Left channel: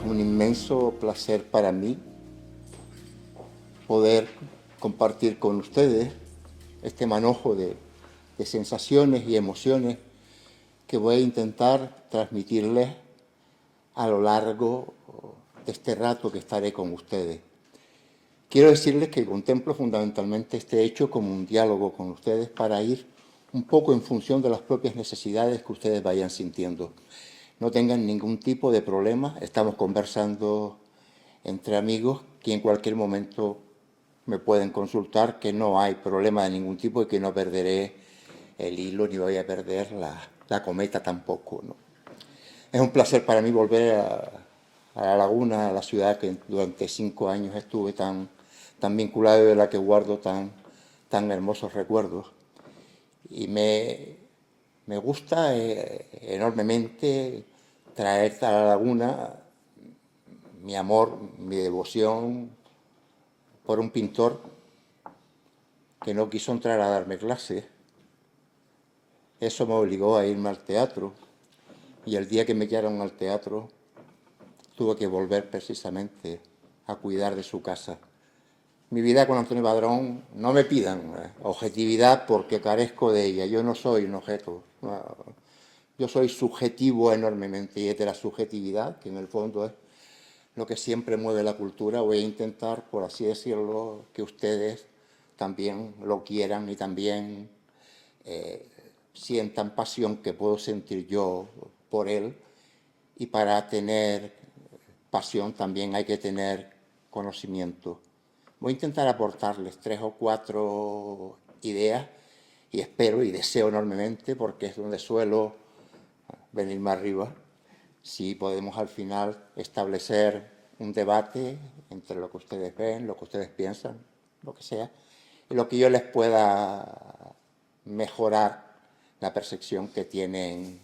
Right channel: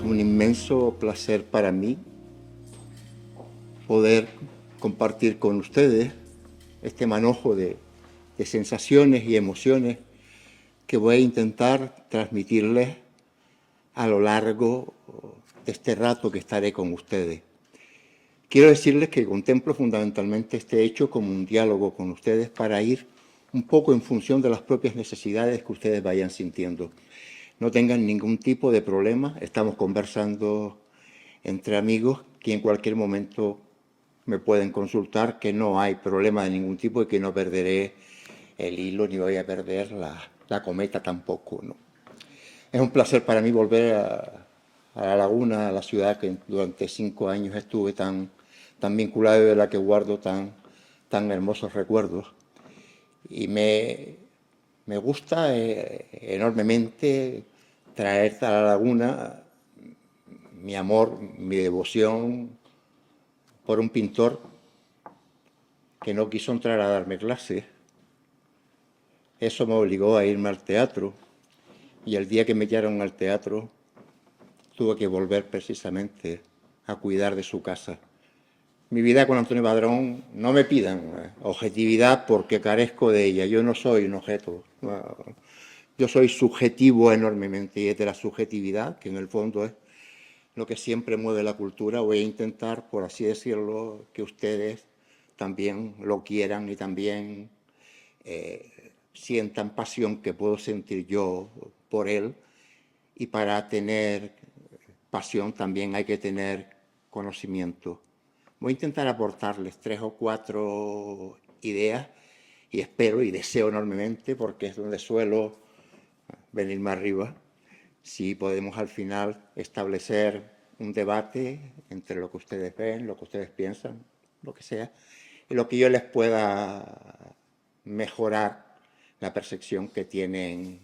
Es un inmenso placer para mí poder compartir con ustedes este manojo de sensaciones y emociones que voy a intentar transmitirles a lo largo de este rato que estaré con ustedes. Quiero decirles que contemplo fundamentalmente este hecho como un diálogo con ustedes para ir un poco en función de las propias necesidades que ustedes vayan sintiendo. No tengan ningún tipo de problema, estamos conversando entre amigos que en cualquier momento me pueden consultar, que no hay problema de ningún tipo y que no perderé el hilo ni voy a perder la cometa tampoco, ¿no? Es un placer para mí volver a La Laguna, a la ciudad que durante 5 años estuve tan vinculado y de la que guardo tan hermosos recuerdos. Y me gusta enormemente traer a La Laguna mi amor, mi devoción por un pintor que no quiso entrar a darme clases. Eso me obligó a irme al teatro y el día que me echaron al teatro tuve que volver precisamente a cuidar de su casa. Mi vida con Antonio Padrón, no me pidan objetividad porque carezco de ella. Yo no soy un objeto. Yo soy subjetivo enormemente y es de la subjetividad, que en el fondo es lo que siempre mueve la cultura. Voy a intentar, por así decirlo, que ustedes también lo quieran y también sientan pasión que puedo sentir yo por él. Y para tener pasión también hay que tener conocimiento. Voy a intentar aportarles 3 o 4 ideas y espero y deseo enormemente, porque es donde suelo venirme arriba, si podemos al final establecer un debate entre lo que ustedes ven, lo que ustedes piensan, lo que sea, y lo que yo les pueda mejorar la percepción que tienen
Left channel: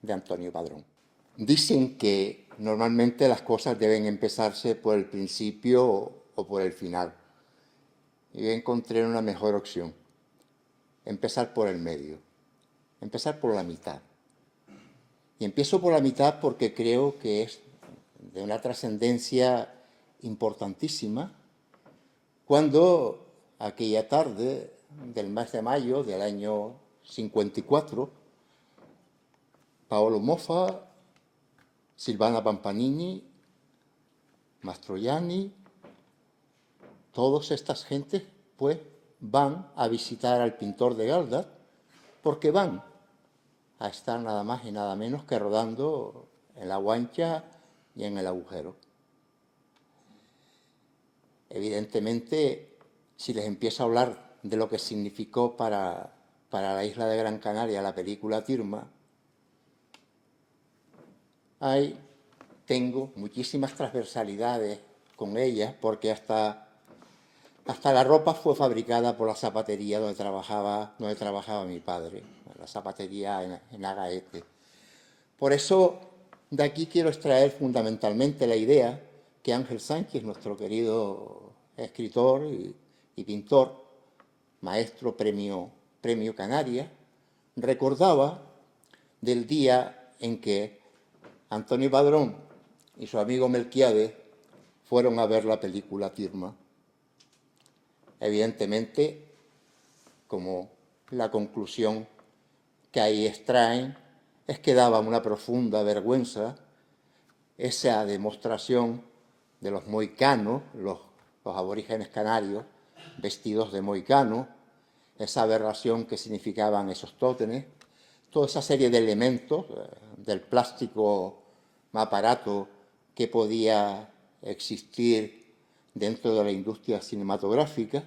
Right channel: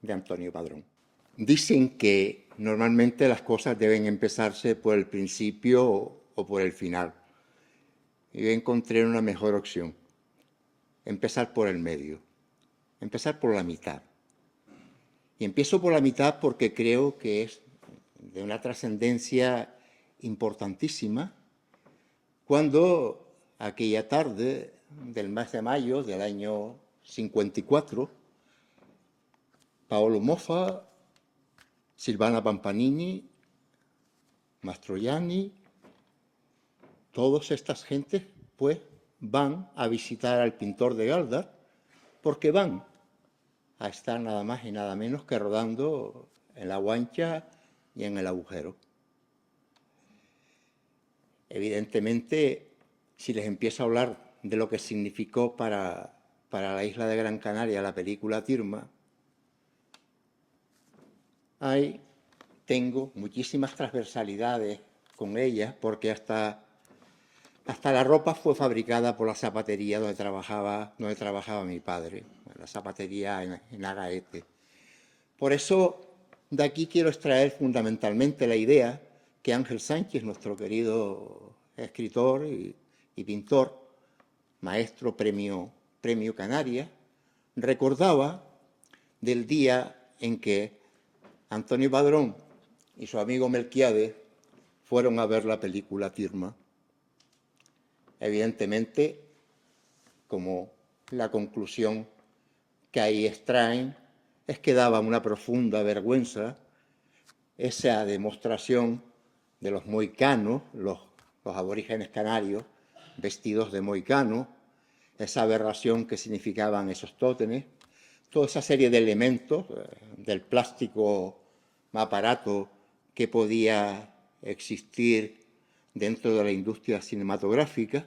de Antonio Padrón. Dicen que normalmente las cosas deben empezarse por el principio o por el final. Y yo encontré una mejor opción. Empezar por el medio. Empezar por la mitad. Y empiezo por la mitad porque creo que es de una trascendencia importantísima cuando aquella tarde del mes de mayo del año 54, Paolo Mofa, Silvana Pampanini, Mastroianni, todas estas gentes pues van a visitar al pintor de Galdar porque van a estar nada más y nada menos que rodando en La Guancha y en El Agujero. Evidentemente, si les empiezo a hablar de lo que significó para la isla de Gran Canaria la película Tirma, tengo muchísimas transversalidades con ella, porque hasta la ropa fue fabricada por la zapatería donde trabajaba mi padre, la zapatería en Agaete. Por eso, de aquí quiero extraer fundamentalmente la idea que Ángel Sánchez, nuestro querido escritor y pintor, maestro premio Canarias, recordaba del día en que Antonio Padrón y su amigo Melquiades fueron a ver la película Tirma. Evidentemente, como la conclusión que ahí extraen es que daba una profunda vergüenza esa demostración de los mohicanos, los aborígenes canarios, vestidos de mohicano, esa aberración que significaban esos tótenes, toda esa serie de elementos del plástico más barato que podía existir dentro de la industria cinematográfica,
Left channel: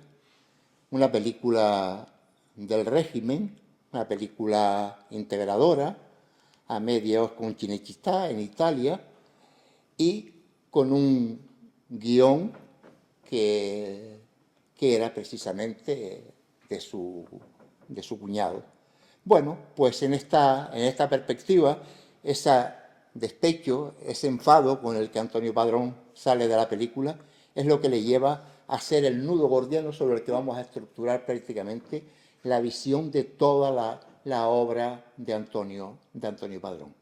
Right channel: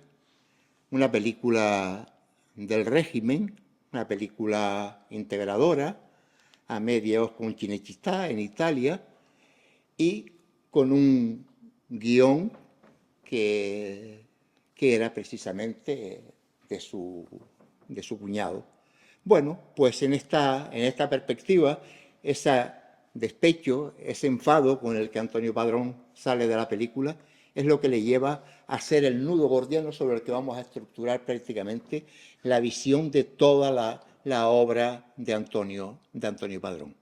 una película del régimen, una película integradora, a medios con Cinecittà en Italia, y con un guión que era precisamente de su cuñado. Bueno, pues en esta perspectiva, ese despecho, ese enfado con el que Antonio Padrón sale de la película, es lo que le lleva a ser el nudo gordiano sobre el que vamos a estructurar prácticamente la visión de toda la obra de Antonio Padrón.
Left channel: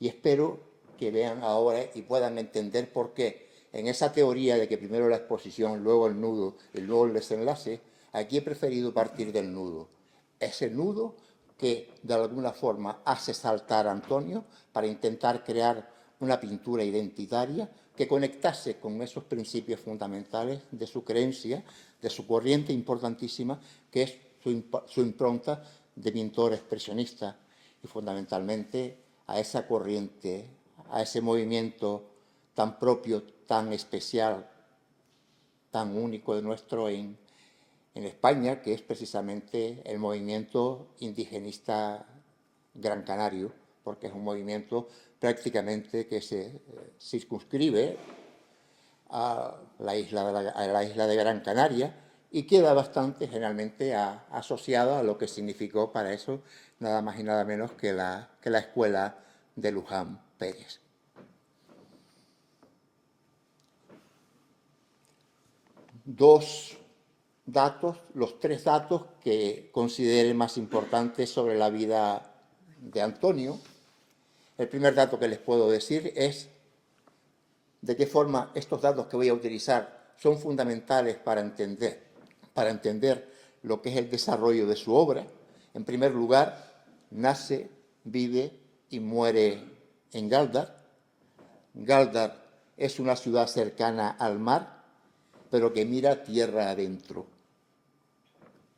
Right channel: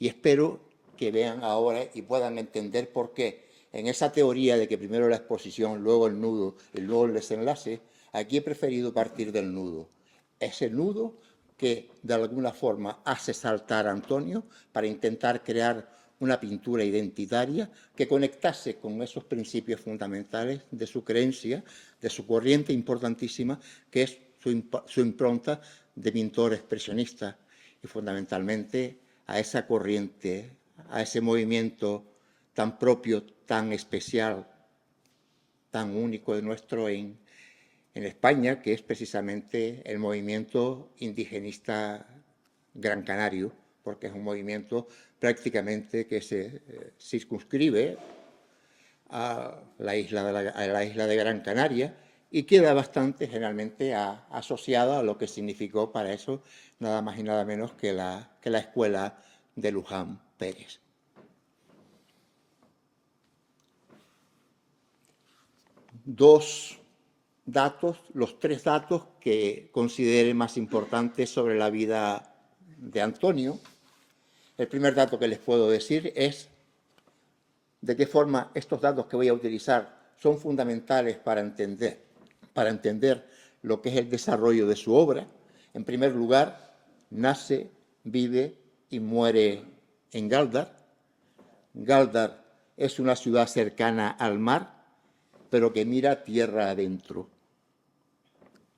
Y espero que vean ahora y puedan entender por qué en esa teoría de que primero la exposición, luego el nudo y luego el desenlace, aquí he preferido partir del nudo. Ese nudo que de alguna forma hace saltar a Antonio para intentar crear una pintura identitaria que conectase con esos principios fundamentales de su creencia, de su corriente importantísima, que es su impronta de pintor expresionista, y fundamentalmente a esa corriente, a ese movimiento tan propio, tan especial, tan único de nuestro en España, que es precisamente el movimiento indigenista gran canario, porque es un movimiento prácticamente que se circunscribe a la isla de Gran Canaria y queda bastante generalmente asociada a lo que significó para eso nada más y nada menos que la escuela de Luján Pérez. Los tres datos que considere más importantes sobre la vida de Antonio. El primer dato que les puedo decir es de qué forma estos datos que voy a utilizar son fundamentales para entender lo que es el desarrollo de su obra. En primer lugar, nace, vive y muere en Gáldar. Gáldar es una ciudad cercana al mar, pero que mira tierra adentro.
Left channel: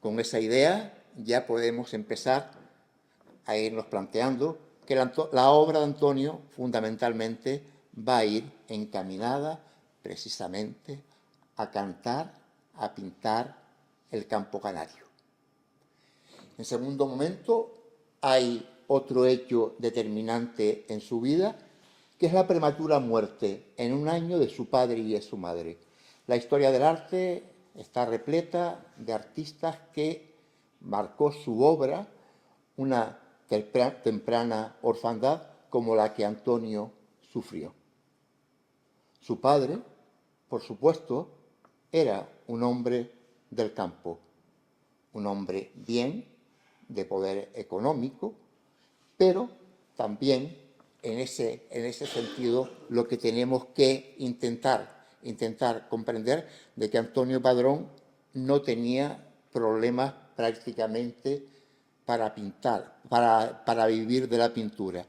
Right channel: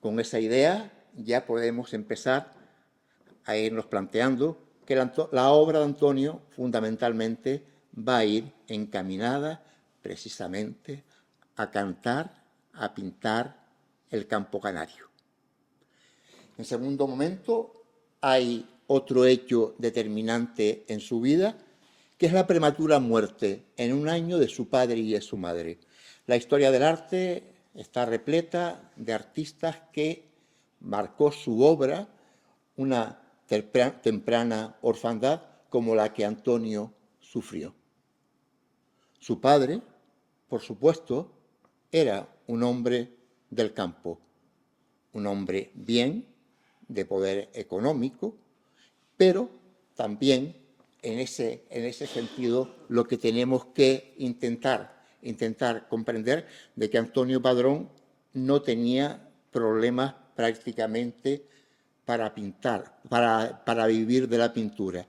Con esa idea ya podemos empezar a irnos planteando que la obra de Antonio fundamentalmente va a ir encaminada precisamente a cantar, a pintar el campo canario. En segundo momento, hay otro hecho determinante en su vida, que es la prematura muerte en un año de su padre y de su madre. La historia del arte está repleta de artistas que marcó su obra una temprana orfandad como la que Antonio sufrió. Su padre, por supuesto, era un hombre del campo, un hombre bien, de poder económico, pero también en ese sentido lo que tenemos que intentar comprender de que Antonio Padrón no tenía problemas prácticamente para pintar, para vivir de la pintura.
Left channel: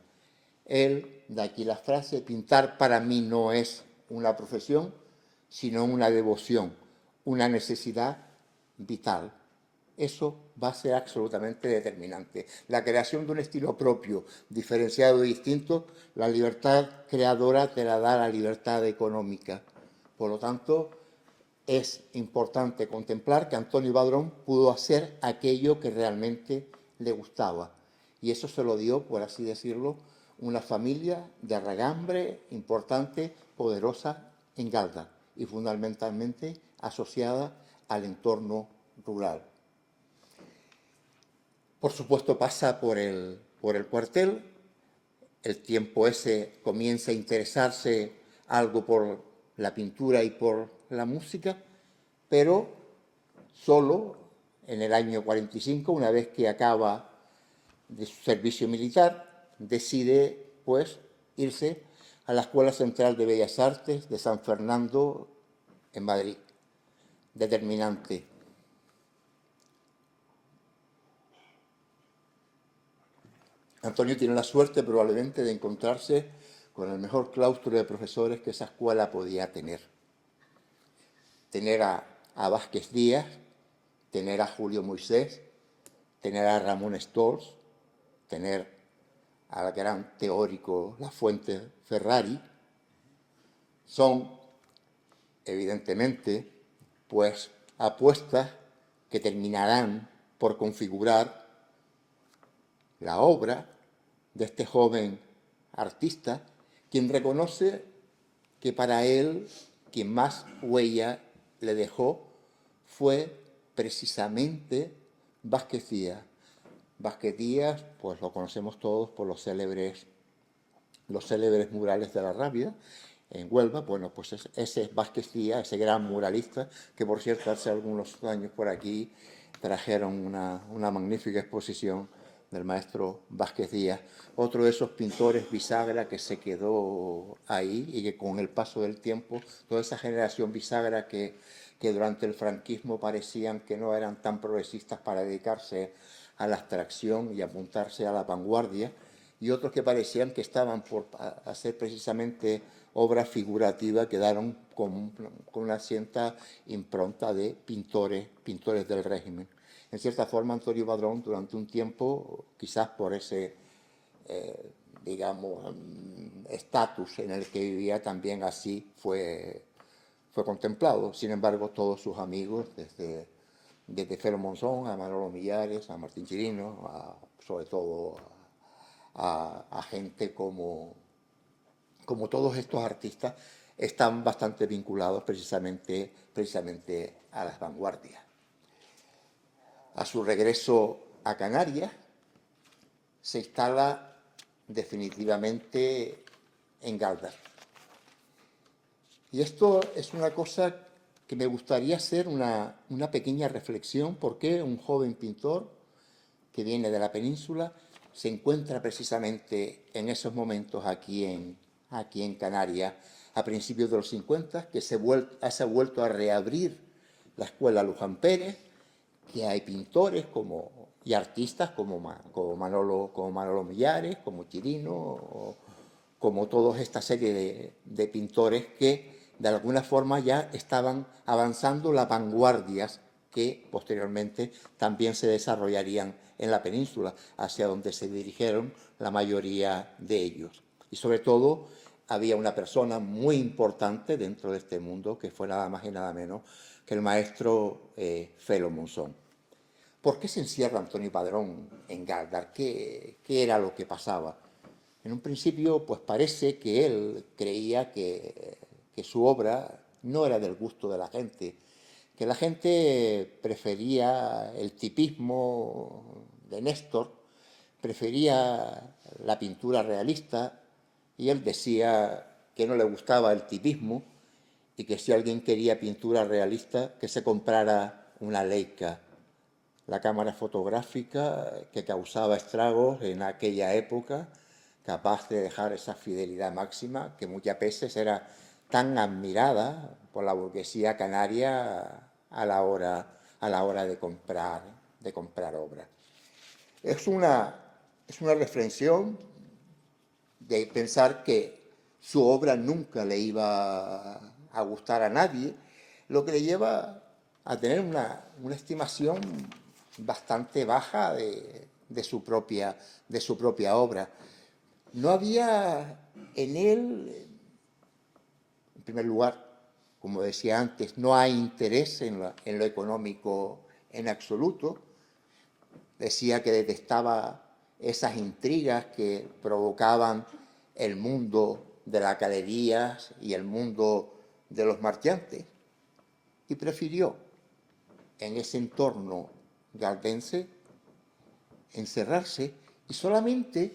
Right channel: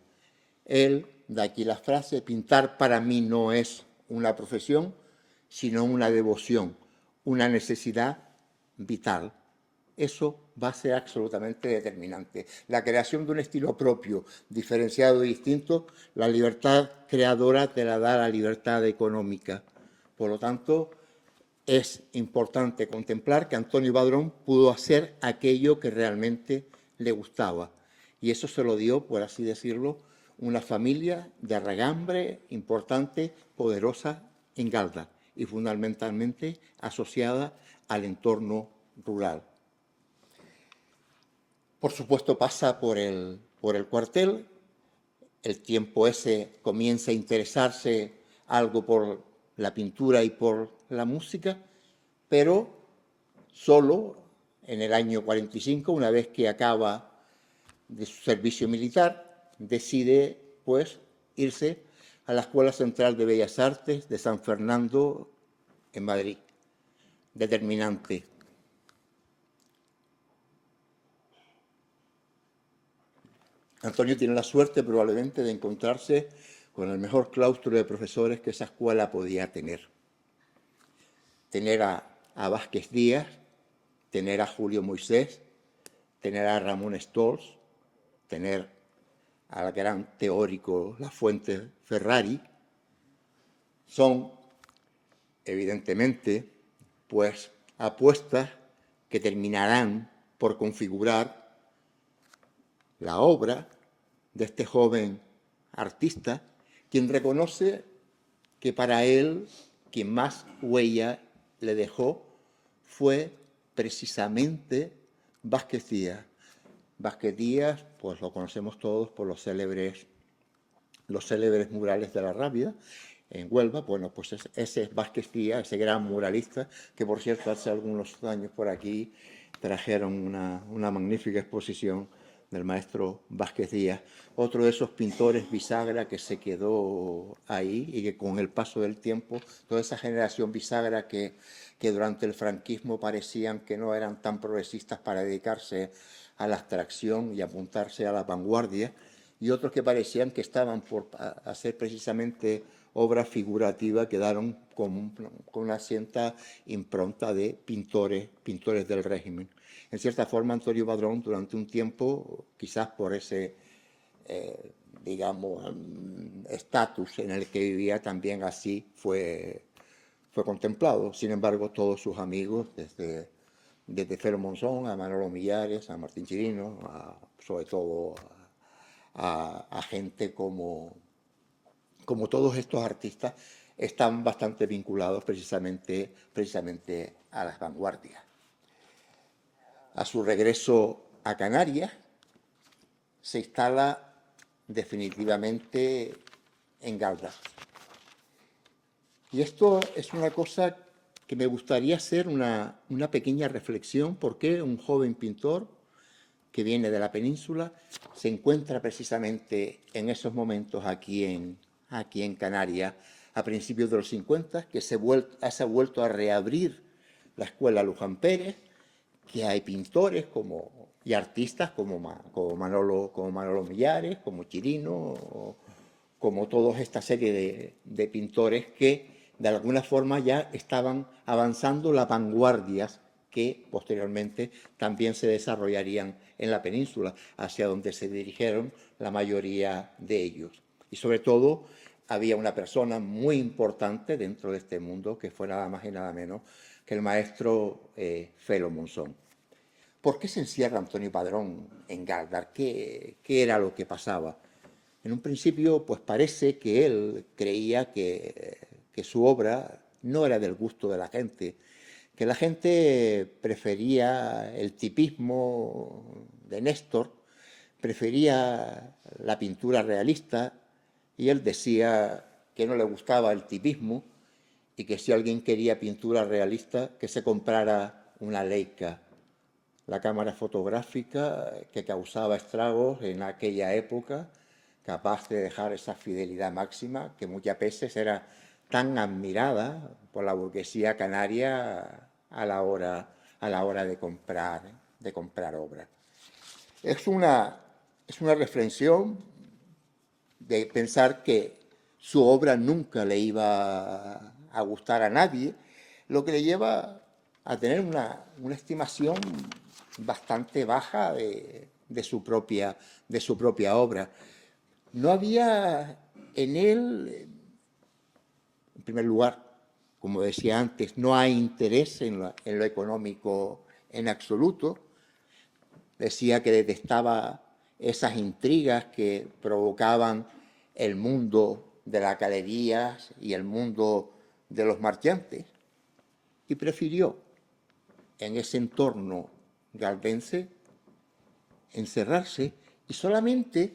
Él, de aquí la frase, pintar para mí no es una profesión, sino una devoción, una necesidad vital. Eso va a ser absolutamente determinante. La creación de un estilo propio, diferenciado y distinto, la libertad creadora te la da la libertad económica. Por lo tanto, es importante contemplar que Antonio Padrón pudo hacer aquello que realmente le gustaba. Y eso se lo dio, por así decirlo, una familia de regambre importante, poderosa en Gáldar y fundamentalmente asociada al entorno rural. Por supuesto pasa por el cuartel, el tiempo ese comienza a interesarse algo por la pintura y por la música, pero solo en el año 45, una vez que acaba de su servicio militar, decide pues irse a la Escuela Central de Bellas Artes de San Fernando en Madrid. Determinante. Antonio tiene la suerte probablemente de encontrarse con el mejor claustro de profesores que esa escuela podía tener. Tener a Vázquez Díaz, tener a Julio Moisés, tener a Ramón Stolz, tener al gran teórico Lafuente Ferrari, son evidentemente pues apuestas que terminarán por configurar la obra de este joven artista, quien reconoce que para él quien más huella le dejó fue precisamente Vázquez Díaz. Vázquez Díaz, pues lo conocemos todos por los célebres murales de la Rábida en Huelva. Bueno, pues ese es Vázquez Díaz, ese gran muralista, que por cierto hace algunos años por aquí trajeron una magnífica exposición del maestro Vázquez Díaz, otro de esos pintores bisagra que se quedó ahí y que con el paso del tiempo, toda esa generación bisagra que durante el franquismo parecían que no eran tan progresistas para dedicarse a la abstracción y apuntarse a la vanguardia, y otros que parecían que estaban por hacer precisamente obras figurativas, quedaron con una cierta impronta de pintores del régimen. En cierta forma, Antonio Padrón, durante un tiempo, quizás por ese, digamos, estatus en el que vivía, también así fue contemplado. Sin embargo, todos sus amigos, desde Felo Monzón a Manolo Millares, a Martín Chirino, sobre todo a gente como todos estos artistas, están bastante vinculados precisamente a las vanguardias. A su regreso a Canarias, se instala definitivamente en Galdar. Y esto es una cosa que me gustaría hacer una pequeña reflexión, porque un joven pintor que viene de la península se encuentra precisamente en esos momentos aquí en Canarias, a principios de los 50, que se ha vuelto a reabrir la escuela Luján Pérez, que hay pintores y artistas como Manolo Millares, como Chirino, como toda esta serie de pintores que de alguna forma ya estaban avanzando las vanguardias que posteriormente también se desarrollarían en la península, hacia donde se dirigieron la mayoría de ellos. Y sobre todo había una persona muy importante dentro de este mundo, que fue nada más y nada menos que el maestro Felo Monzón. ¿Por qué se encierra Antonio Padrón en Galdar? ¿Qué era lo que pasaba? En un principio, pues parece que él creía que su obra no era del gusto de la gente, que la gente prefería el tipismo de Néstor, prefería la pintura realista, y él decía que no le gustaba el tipismo y que si alguien quería pintura realista, que se comprara una Leica, la cámara fotográfica que causaba estragos en aquella época, capaz de dejar esa fidelidad máxima que muchas veces era tan admirada por la burguesía canaria a la hora de comprar obras. Es una reflexión de pensar que su obra nunca le iba a gustar a nadie, lo que le lleva a tener una estimación bastante baja de su propia obra. No había en él, en primer lugar, como decía antes, no hay interés en lo económico en absoluto. Decía que detestaba esas intrigas que provocaban el mundo de las galerías y el mundo de los marchantes, y prefirió en ese entorno galdense encerrarse, y solamente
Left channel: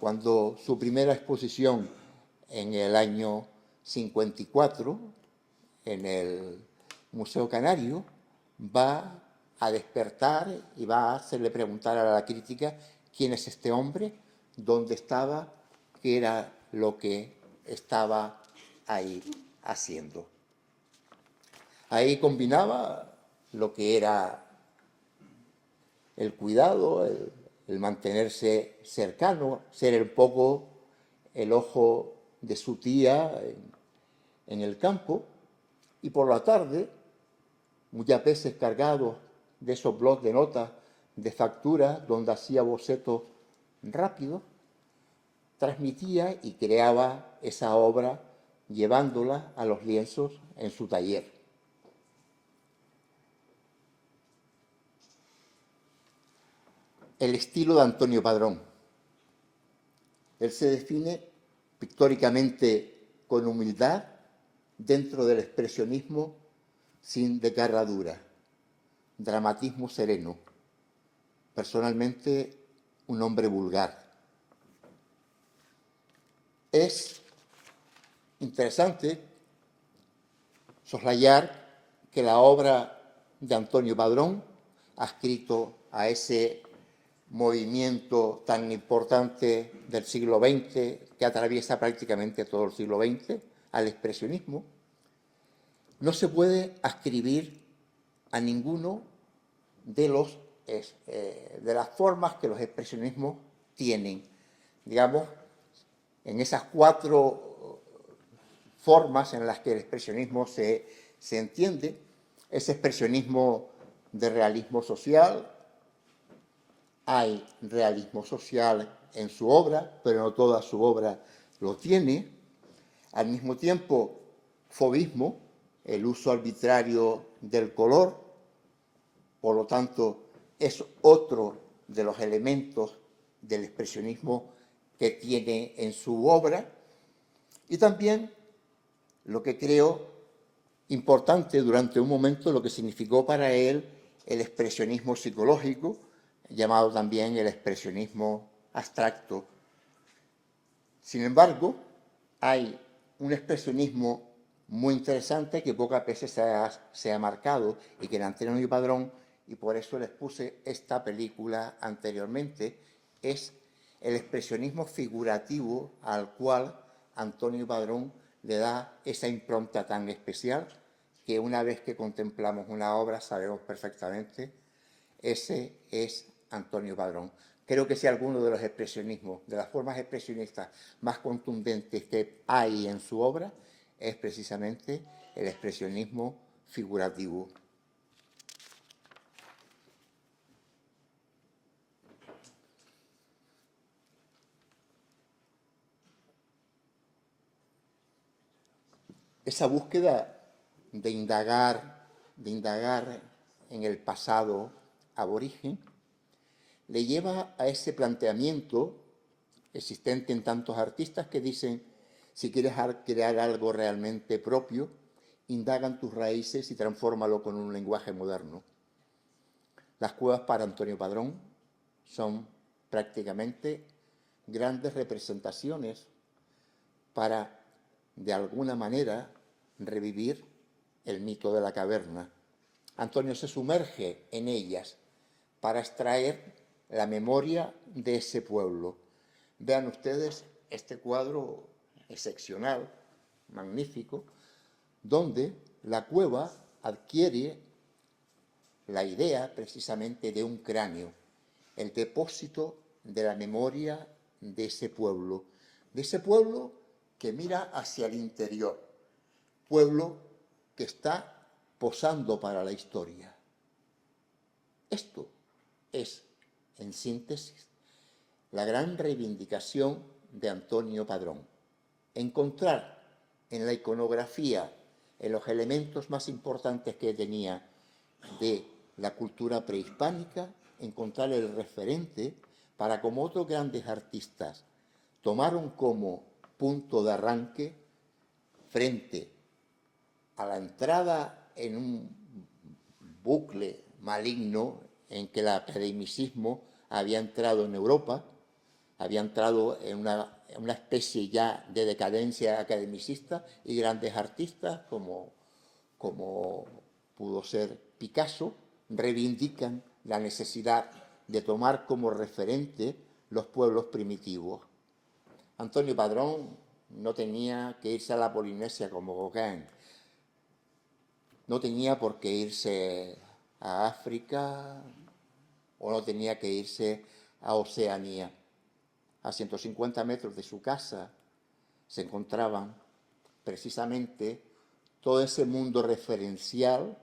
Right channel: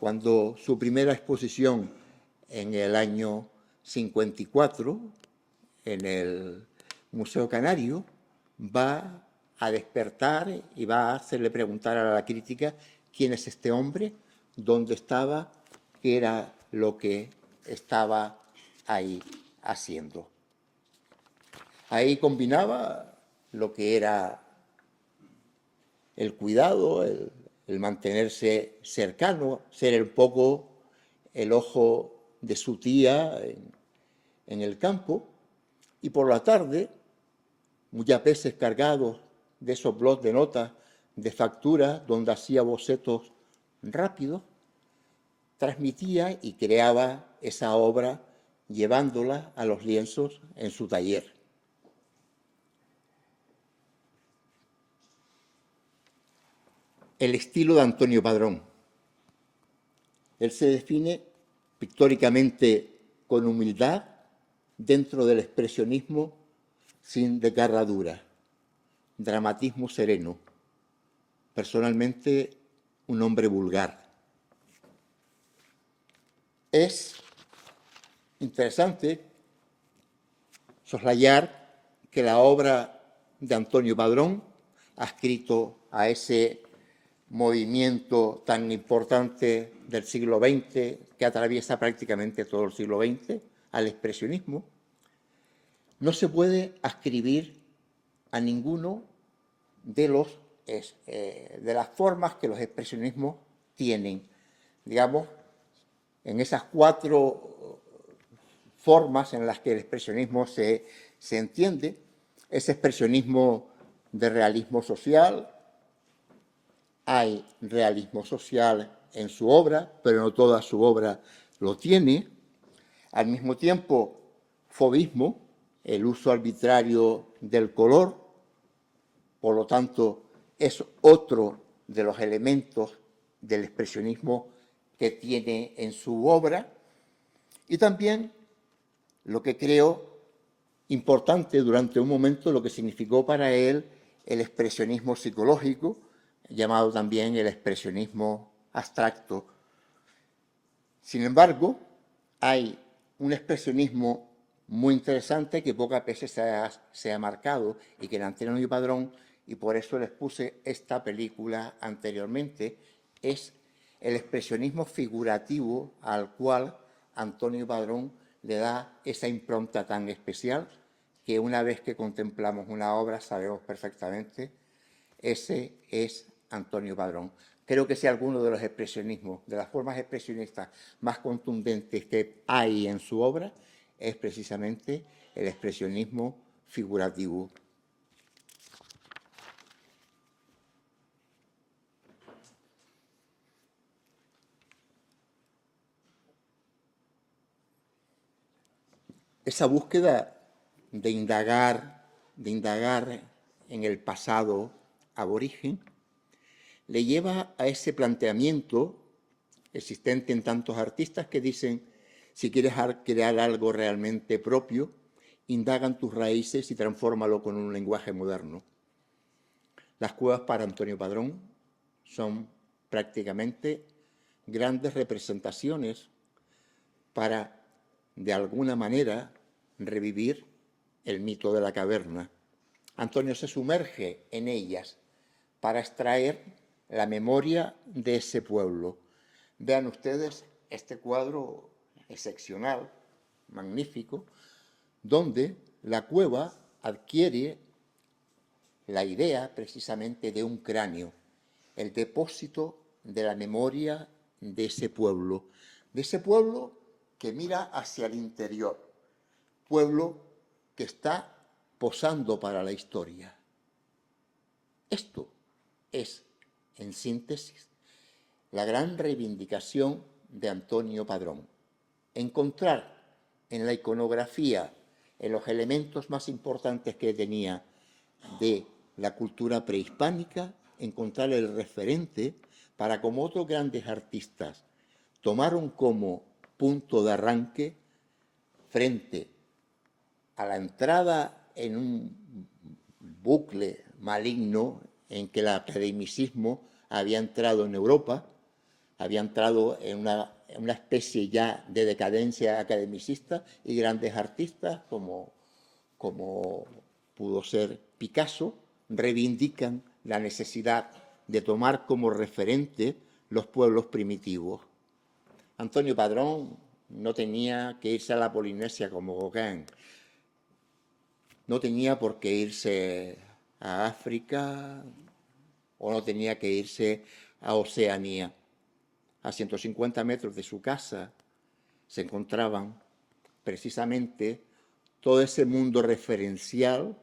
cuando su primera exposición en el año 54 en el Museo Canario va a despertar y va a hacerle preguntar a la crítica quién es este hombre, dónde estaba, qué era lo que estaba ahí haciendo. Ahí combinaba lo que era el cuidado, el mantenerse cercano, ser un poco el ojo de su tía en el campo, y por la tarde, muchas veces cargado de esos blocs de notas, de facturas, donde hacía bocetos rápidos, transmitía y creaba esa obra llevándola a los lienzos en su taller. El estilo de Antonio Padrón. Él se define pictóricamente con humildad dentro del expresionismo sin desgarradura, dramatismo sereno, personalmente un hombre vulgar. Es interesante soslayar que la obra de Antonio Padrón, adscrito a ese movimiento tan importante del siglo XX, que atraviesa prácticamente todo el siglo XX, al expresionismo, no se puede ascribir a ninguno de las formas que los expresionismos tienen. Digamos, en esas cuatro formas en las que el expresionismo se entiende, ese expresionismo de realismo social, hay realismo social en su obra, pero no toda su obra lo tiene. Al mismo tiempo, fauvismo, el uso arbitrario del color, por lo tanto, es otro de los elementos del expresionismo que tiene en su obra. Y también lo que creo importante durante un momento, lo que significó para él el expresionismo psicológico, llamado también el expresionismo abstracto. Sin embargo, hay un expresionismo muy interesante que pocas veces se ha marcado y que en Antonio Padrón, y por eso les puse esta película anteriormente, es el expresionismo figurativo al cual Antonio Padrón le da esa impronta tan especial que una vez que contemplamos una obra sabemos perfectamente, ese es Antonio Padrón. Creo que si alguno de los expresionismos, de las formas expresionistas más contundentes que hay en su obra, es precisamente el expresionismo figurativo. Esa búsqueda de indagar en el pasado aborigen le lleva a ese planteamiento existente en tantos artistas que dicen, si quieres crear algo realmente propio, indaga en tus raíces y transfórmalo con un lenguaje moderno. Las cuevas para Antonio Padrón son prácticamente grandes representaciones para, de alguna manera, revivir el mito de la caverna. Antonio se sumerge en ellas para extraer la memoria de ese pueblo. Vean ustedes este cuadro excepcional, magnífico, donde la cueva adquiere la idea precisamente de un cráneo, el depósito de la memoria de ese pueblo que mira hacia el interior, pueblo que está posando para la historia. Esto es, en síntesis, la gran reivindicación de Antonio Padrón. Encontrar en la iconografía, en los elementos más importantes que tenía de la cultura prehispánica, encontrar el referente para, como otros grandes artistas, tomaron como punto de arranque frente a la entrada en un bucle maligno en que el academicismo había entrado en Europa, había entrado en una especie ya de decadencia academicista, y grandes artistas como pudo ser Picasso reivindican la necesidad de tomar como referente los pueblos primitivos. Antonio Padrón no tenía que irse a la Polinesia como Gauguin, no tenía por qué irse a África o no tenía que irse a Oceanía. A 150 metros de su casa se encontraban precisamente todo ese mundo referencial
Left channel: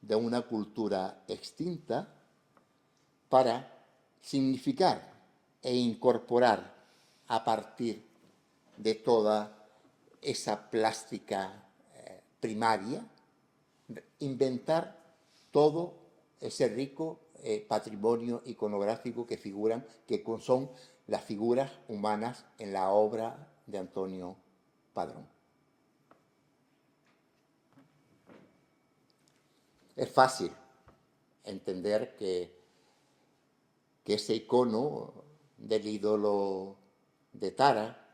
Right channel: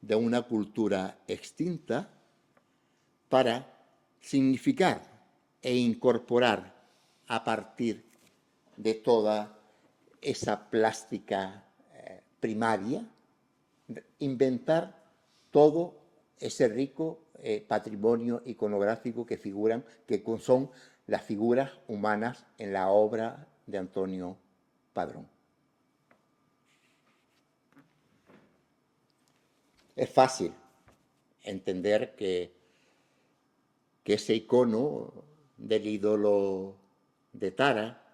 de una cultura extinta para significar e incorporar a partir de toda esa plástica primaria, inventar todo ese rico patrimonio iconográfico que son las figuras humanas en la obra de Antonio Padrón. Es fácil entender que ese icono del ídolo de Tara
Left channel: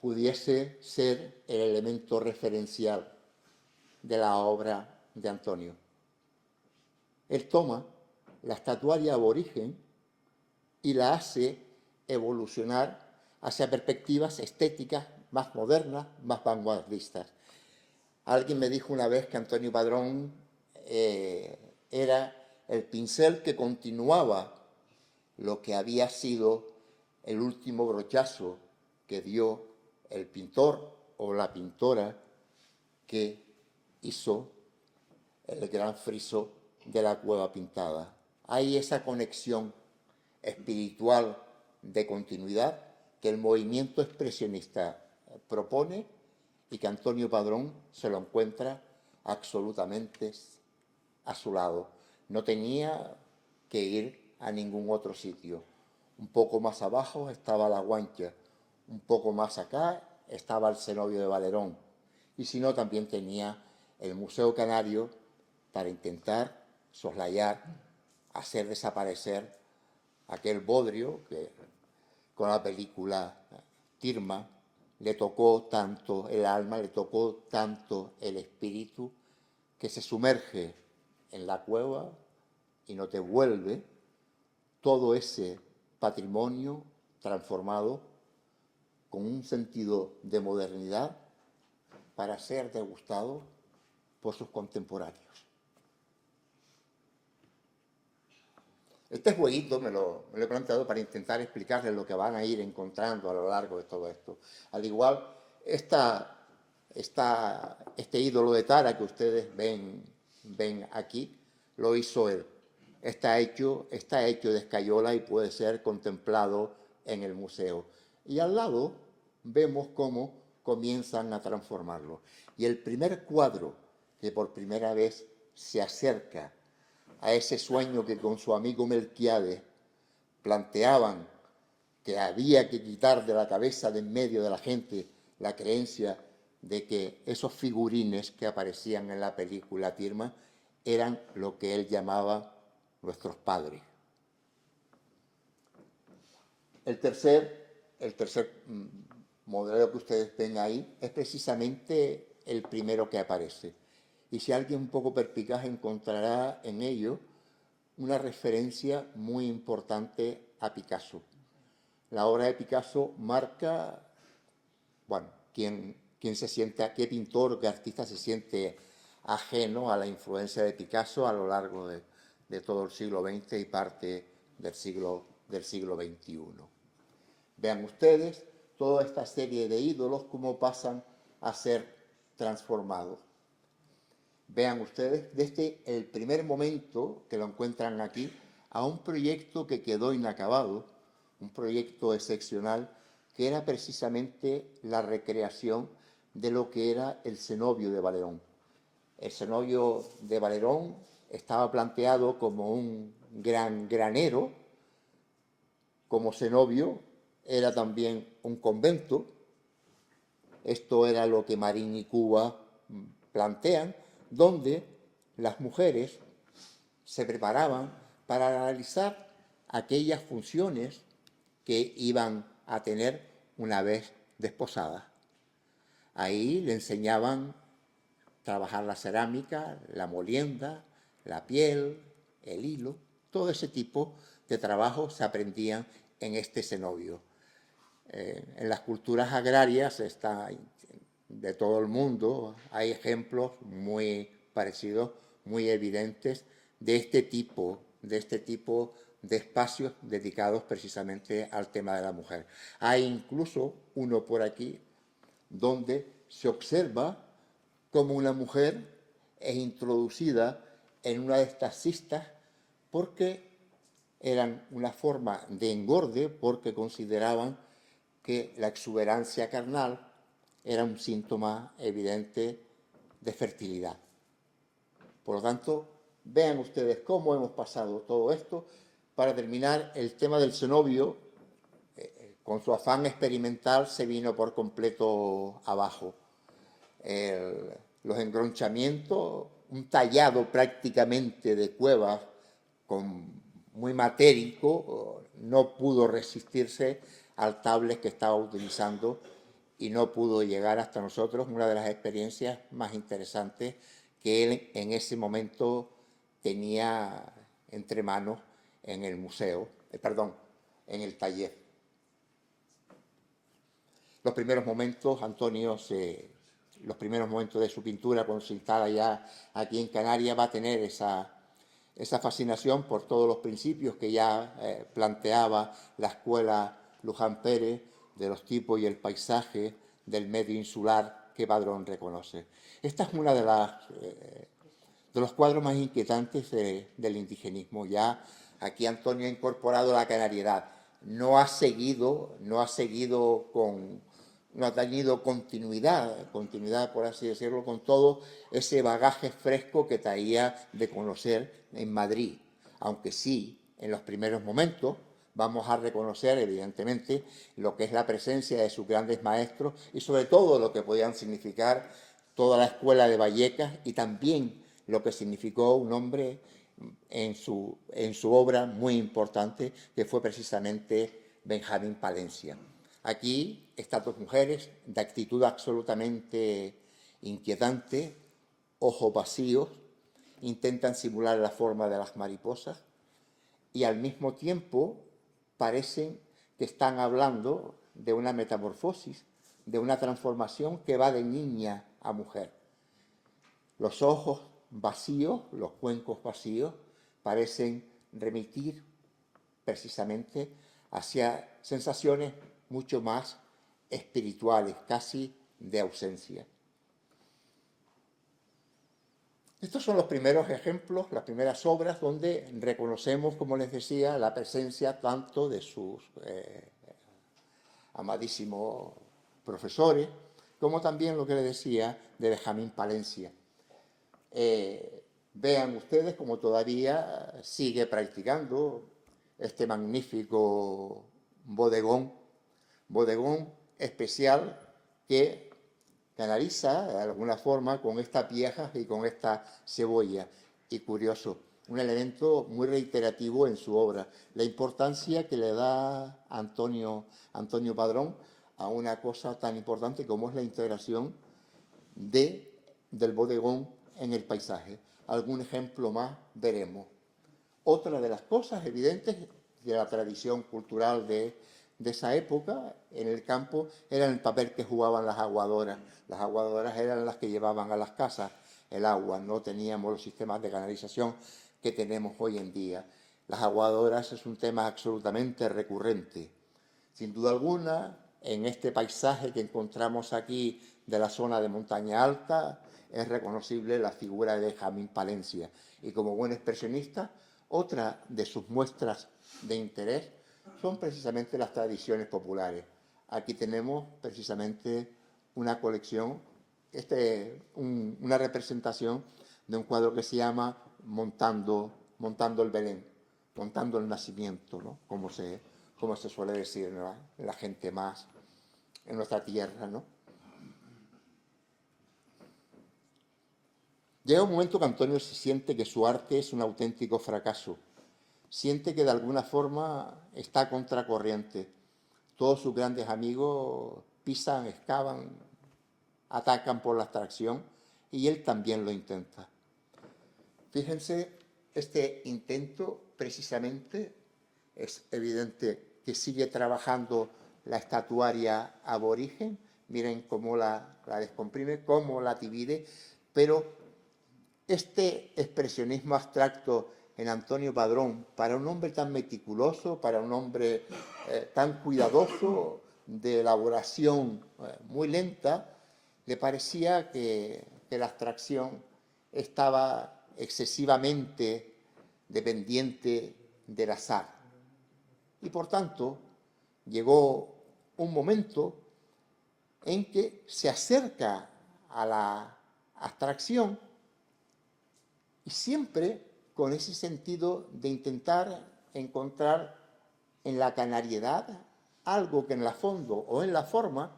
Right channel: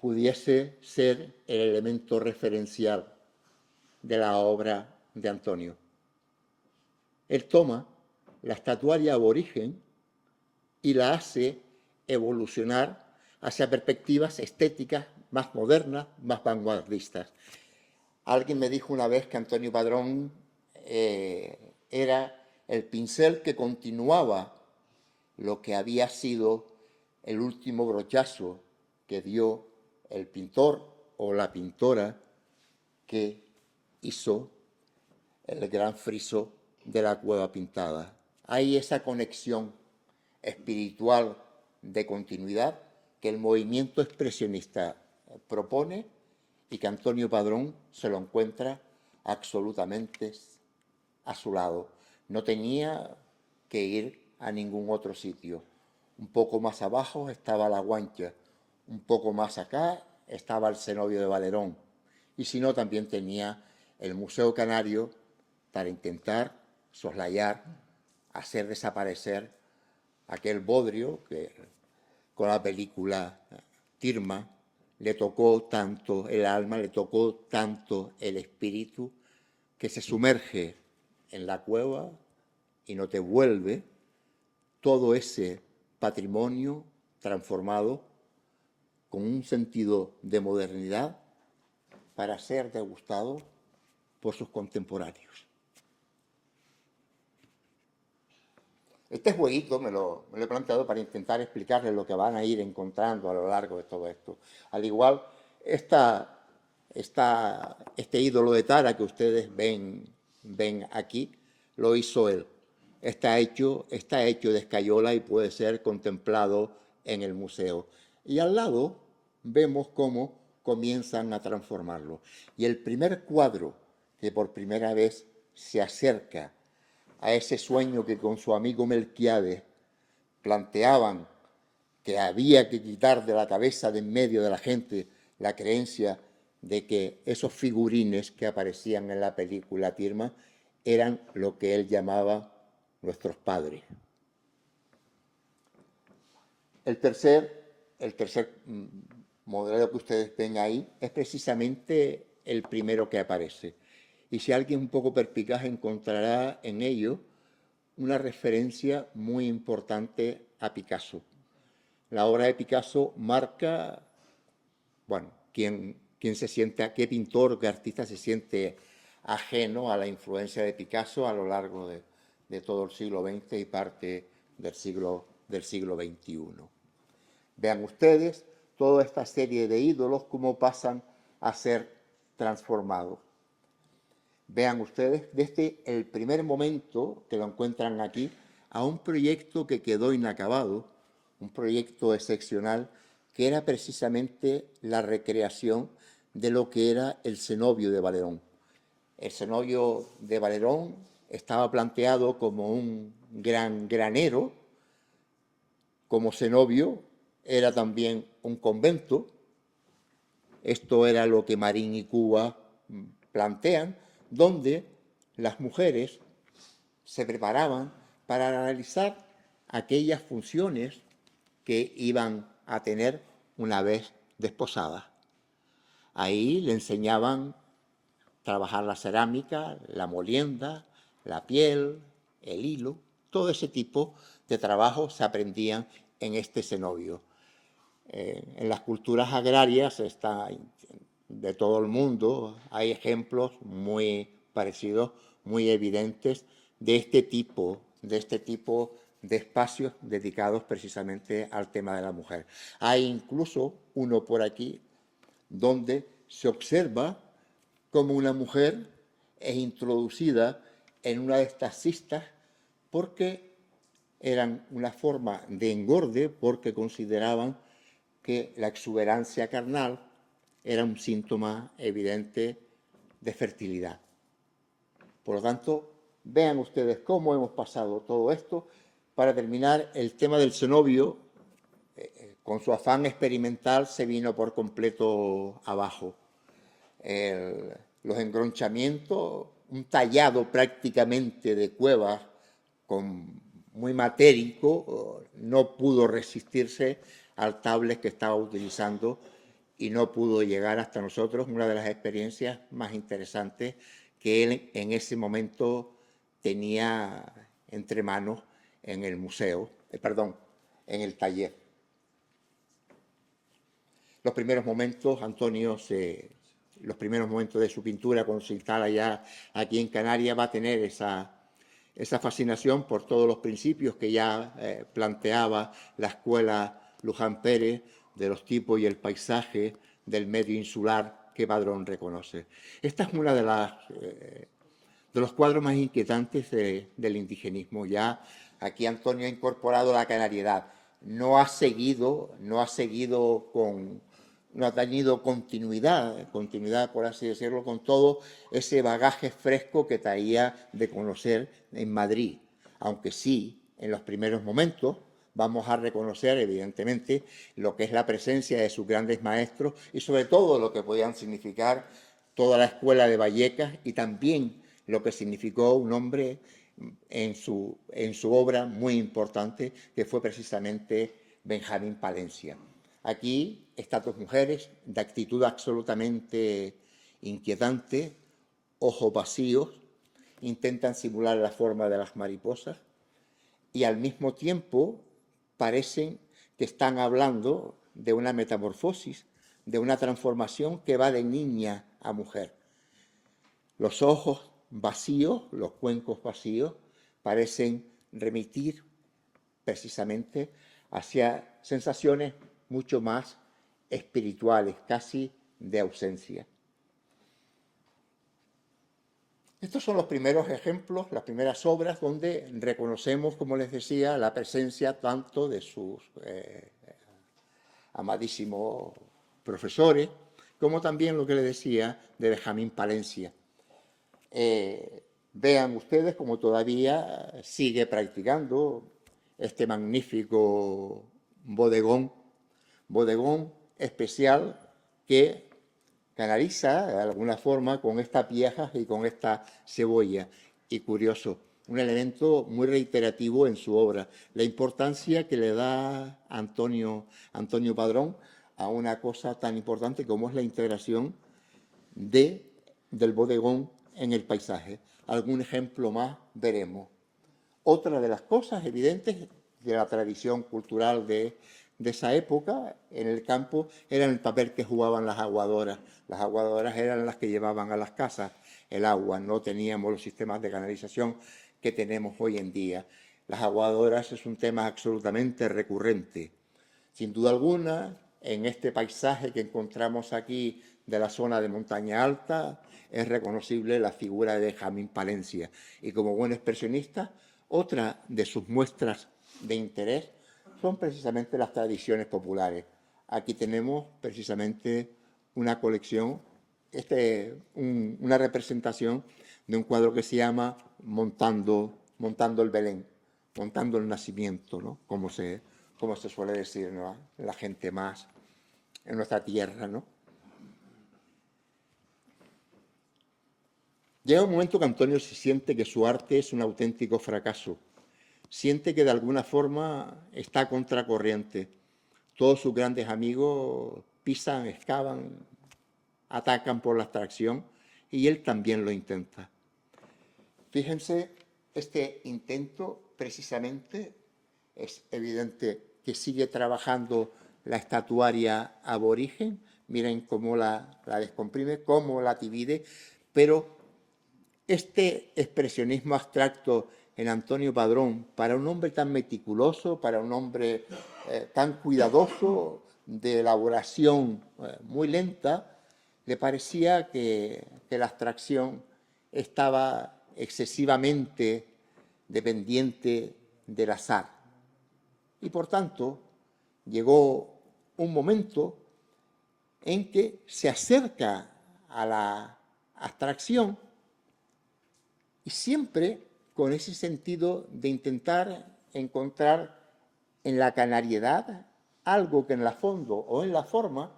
pudiese ser el elemento referencial de la obra de Antonio. Él toma la estatuaria aborigen y la hace evolucionar hacia perspectivas estéticas más modernas, más vanguardistas. Alguien me dijo una vez que Antonio Padrón era el pincel que continuaba lo que había sido el último brochazo que dio el pintor o la pintora que hizo el gran friso de la Cueva Pintada. Hay esa conexión espiritual de continuidad que el movimiento expresionista propone y que Antonio Padrón se lo encuentra absolutamente a su lado. No tenía que ir a ningún otro sitio. Un poco más abajo estaba La Guancha, un poco más acá estaba el cenobio de Valerón, y si no, también tenía el Museo Canario para intentar soslayar, hacer desaparecer aquel bodrio que con la película Tirma le tocó tanto el alma, le tocó tanto el espíritu, que se sumerge en la cueva y no te vuelve todo ese patrimonio transformado con un sentido de modernidad para ser degustado por sus contemporáneos. Este jueguito me lo he planteado para intentar explicarles lo que van a ir encontrando a lo largo de todo esto. Al igual, este ídolo de Tara que ustedes ven aquí, lo hizo él. Está hecho de escayola y puede ser contemplado en el museo. Y al lado vemos cómo comienzan a transformarlo. Y el primer cuadro que por primera vez se acerca a ese sueño que con su amigo Melquiades planteaban que había que quitar de la cabeza de en medio de la gente la creencia de que esos figurines que aparecían en la película Tirma eran lo que él llamaba nuestros padres. El tercer modelo que ustedes ven ahí es precisamente el primero que aparece. Y si alguien un poco perspicaz encontrará en ello una referencia muy importante a Picasso. La obra de Picasso marca, bueno, qué pintor, qué artista se siente ajeno a la influencia de Picasso a lo largo de todo el siglo XX y parte del siglo XXI. Vean ustedes toda esta serie de ídolos cómo pasan a ser transformados. Vean ustedes desde el primer momento que lo encuentran aquí a un proyecto que quedó inacabado, un proyecto excepcional que era precisamente la recreación de lo que era el cenobio de Valerón. El cenobio de Valerón estaba planteado como un gran granero, como cenobio era también un convento. Esto era lo que Marín y Cuba plantean, donde las mujeres se preparaban para realizar aquellas funciones que iban a tener una vez desposadas. Ahí le enseñaban a trabajar la cerámica, la molienda, la piel, el hilo, todo ese tipo de trabajos se aprendían en este cenobio. En las culturas agrarias de todo el mundo hay ejemplos muy parecidos, muy evidentes de este tipo de espacios dedicados precisamente al tema de la mujer. Hay incluso uno por aquí donde se observa cómo una mujer es introducida en una de estas cistas porque eran una forma de engorde, porque consideraban que la exuberancia carnal era un síntoma evidente de fertilidad. Por lo tanto, vean ustedes cómo hemos pasado todo esto. Para terminar, el tema del cenobio, con su afán experimental, se vino por completo abajo. Los engronchamientos, un tallado prácticamente de cuevas muy matérico, no pudo resistirse al tablet que estaba utilizando y no pudo llegar hasta nosotros. Una de las experiencias más interesantes que él en ese momento tenía entre manos en el museo, en el taller. Los primeros momentos, los primeros momentos de su pintura, cuando se instala ya aquí en Canarias, va a tener esa fascinación por todos los principios que ya planteaba la escuela Luján Pérez, de los tipos y el paisaje, del medio insular que Padrón reconoce. Esta es una de los cuadros más inquietantes del indigenismo. Ya aquí Antonio ha incorporado la canariedad. No ha tenido continuidad, por así decirlo, con todo ese bagaje fresco que traía de conocer en Madrid. Aunque sí, en los primeros momentos vamos a reconocer, evidentemente, lo que es la presencia de sus grandes maestros y sobre todo lo que podían significar toda la escuela de Vallecas y también lo que significó un hombre en su obra muy importante, que fue precisamente Benjamín Palencia. Aquí estas dos mujeres, de actitud absolutamente inquietante, ojos vacíos, intentan simular la forma de las mariposas y al mismo tiempo parecen que están hablando de una metamorfosis, de una transformación que va de niña a mujer. Los ojos vacíos, los cuencos vacíos, parecen remitir precisamente hacia sensaciones mucho más espirituales, casi de ausencia. Estos son los primeros ejemplos, las primeras obras donde reconocemos, como les decía, la presencia tanto de sus amadísimos profesores, como también lo que les decía de Benjamín Palencia. Vean ustedes cómo todavía sigue practicando este magnífico bodegón especial que canaliza de alguna forma con estas viejas y con esta cebolla. Y curioso, un elemento muy reiterativo en su obra, la importancia que le da Antonio Padrón a una cosa tan importante como es la integración del bodegón en el paisaje. Algún ejemplo más veremos. Otra de las cosas evidentes de la tradición cultural de esa época en el campo era el papel que jugaban las aguadoras. Las aguadoras eran las que llevaban a las casas el agua, no teníamos los sistemas de canalización que tenemos hoy en día. Las aguadoras es un tema absolutamente recurrente. Sin duda alguna, en este paisaje que encontramos aquí de la zona de montaña alta, es reconocible la figura de Benjamín Palencia. Y como buen expresionista, otra de sus muestras de interés son precisamente las tradiciones populares. Aquí tenemos precisamente una colección, una representación de un cuadro que se llama Montando el Belén, montando el nacimiento, ¿no? Como se suele decir, ¿no? La gente más en nuestra tierra, ¿no? Llega un momento que Antonio se siente que su arte es un auténtico fracaso. Siente que de alguna forma está a contracorriente. Todos sus grandes amigos pisan, excavan, atacan por la abstracción y él también lo intenta. Fíjense, este intento precisamente es evidente que sigue trabajando la estatuaria aborigen. Miren cómo la descomprime, cómo la divide, pero este expresionismo abstracto en Antonio Padrón, para un hombre tan meticuloso, para un hombre tan cuidadoso, de elaboración muy lenta, le parecía que la abstracción estaba excesivamente dependiente del azar. Y por tanto, llegó un momento en que se acerca a la abstracción y siempre con ese sentido de intentar encontrar en la canariedad algo que en la fondo o en la forma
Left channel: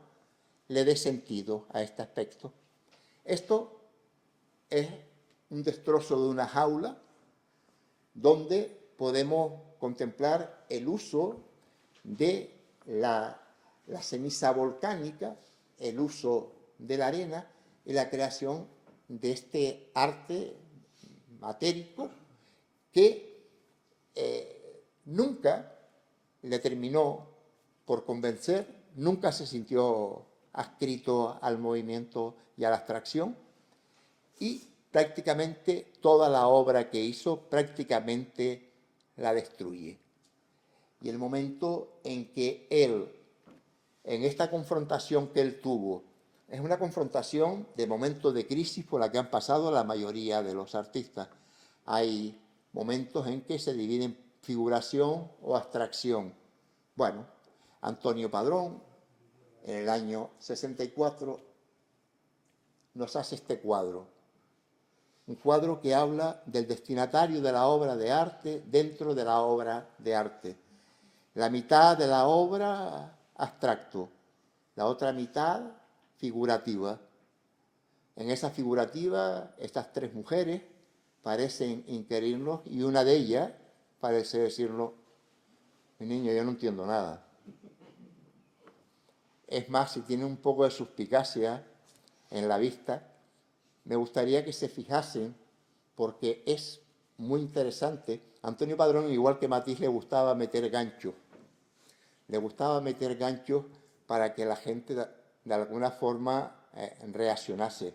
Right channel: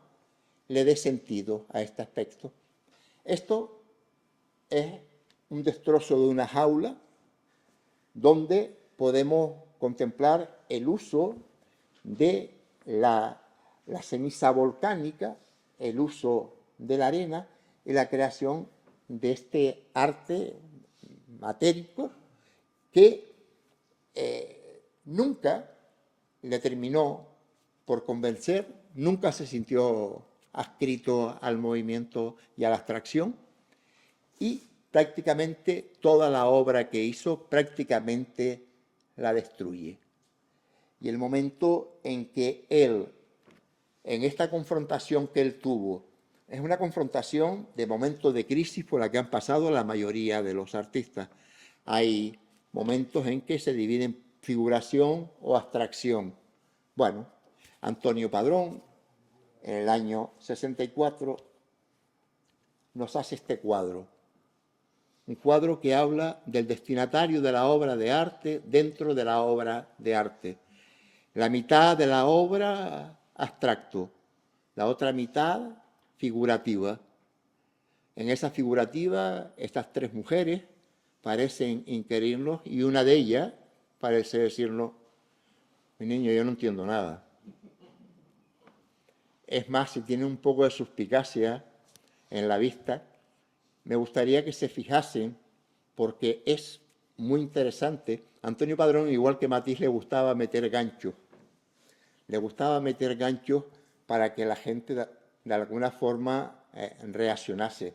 le dé sentido a este aspecto. Esto es un destrozo de una jaula donde podemos contemplar el uso de la ceniza volcánica, el uso de la arena y la creación de este arte matérico que nunca le terminó por convencer, nunca se sintió adscrito al movimiento y a la abstracción, y prácticamente toda la obra que hizo prácticamente la destruye. Y el momento en que él, en esta confrontación que él tuvo, es una confrontación de momentos de crisis por la que han pasado la mayoría de los artistas. Hay momentos en que se dividen figuración o abstracción. Bueno, Antonio Padrón, en el año 64, nos hace este cuadro. Un cuadro que habla del destinatario de la obra de arte dentro de la obra de arte. La mitad de la obra abstracto, la otra mitad figurativa. En esa figurativa, estas tres mujeres parecen inquirirnos y una de ellas parece decirnos: mi niño, yo no entiendo nada. Es más, si tiene un poco de suspicacia en la vista, me gustaría que se fijasen, porque es muy interesante. Antonio Padrón, igual que Matisse, le gustaba meter ganchos. Le gustaba meter ganchos para que la gente de alguna forma reaccionase.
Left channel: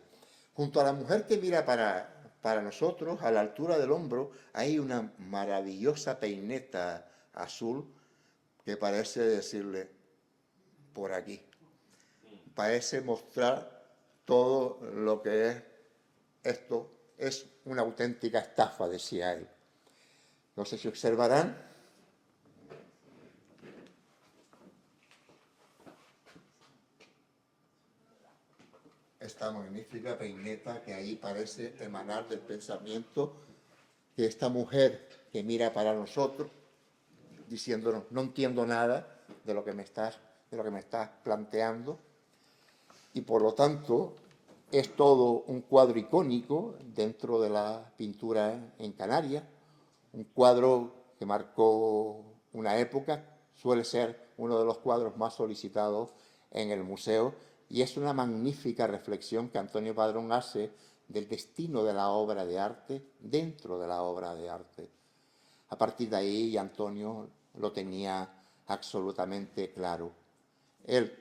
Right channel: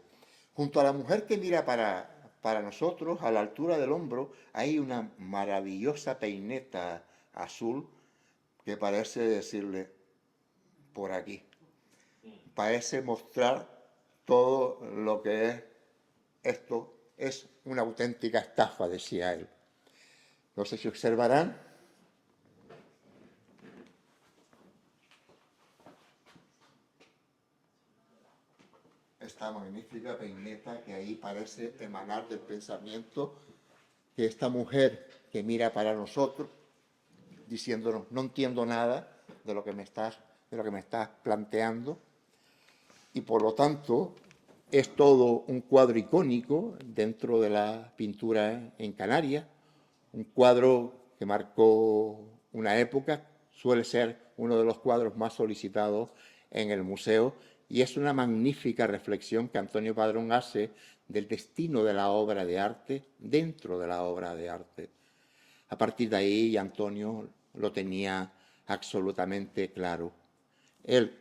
Junto a la mujer que mira para nosotros, a la altura del hombro, hay una maravillosa peineta azul que parece decirle: por aquí. Parece mostrar todo lo que es esto. Es una auténtica estafa, decía él. No sé si observarán. Esta magnífica peineta que ahí parece emanar del pensamiento que esta mujer que mira para nosotros, diciéndonos: no entiendo nada de lo que me estás planteando. Y por lo tanto es todo un cuadro icónico dentro de la pintura en Canarias, un cuadro que marcó una época, suele ser uno de los cuadros más solicitados en el museo, y es una magnífica reflexión que Antonio Padrón hace del destino de la obra de arte dentro de la obra de arte. A partir de ahí, Antonio lo tenía absolutamente claro. Él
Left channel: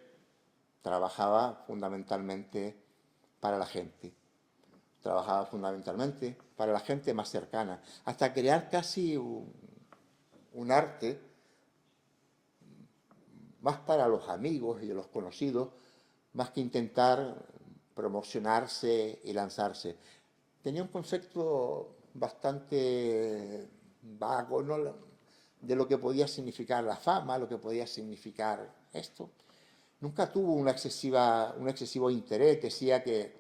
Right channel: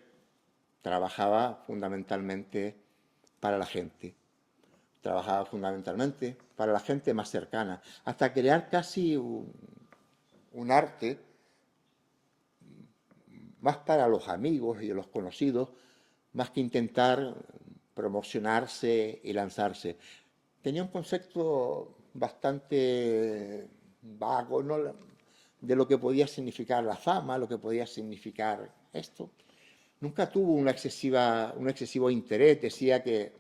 trabajaba fundamentalmente para la gente, trabajaba fundamentalmente para la gente más cercana, hasta crear casi un arte más para los amigos y los conocidos, más que intentar promocionarse y lanzarse. Tenía un concepto bastante vago, ¿no?, de lo que podía significar la fama, lo que podía significar esto. Nunca tuvo un excesivo interés. Decía que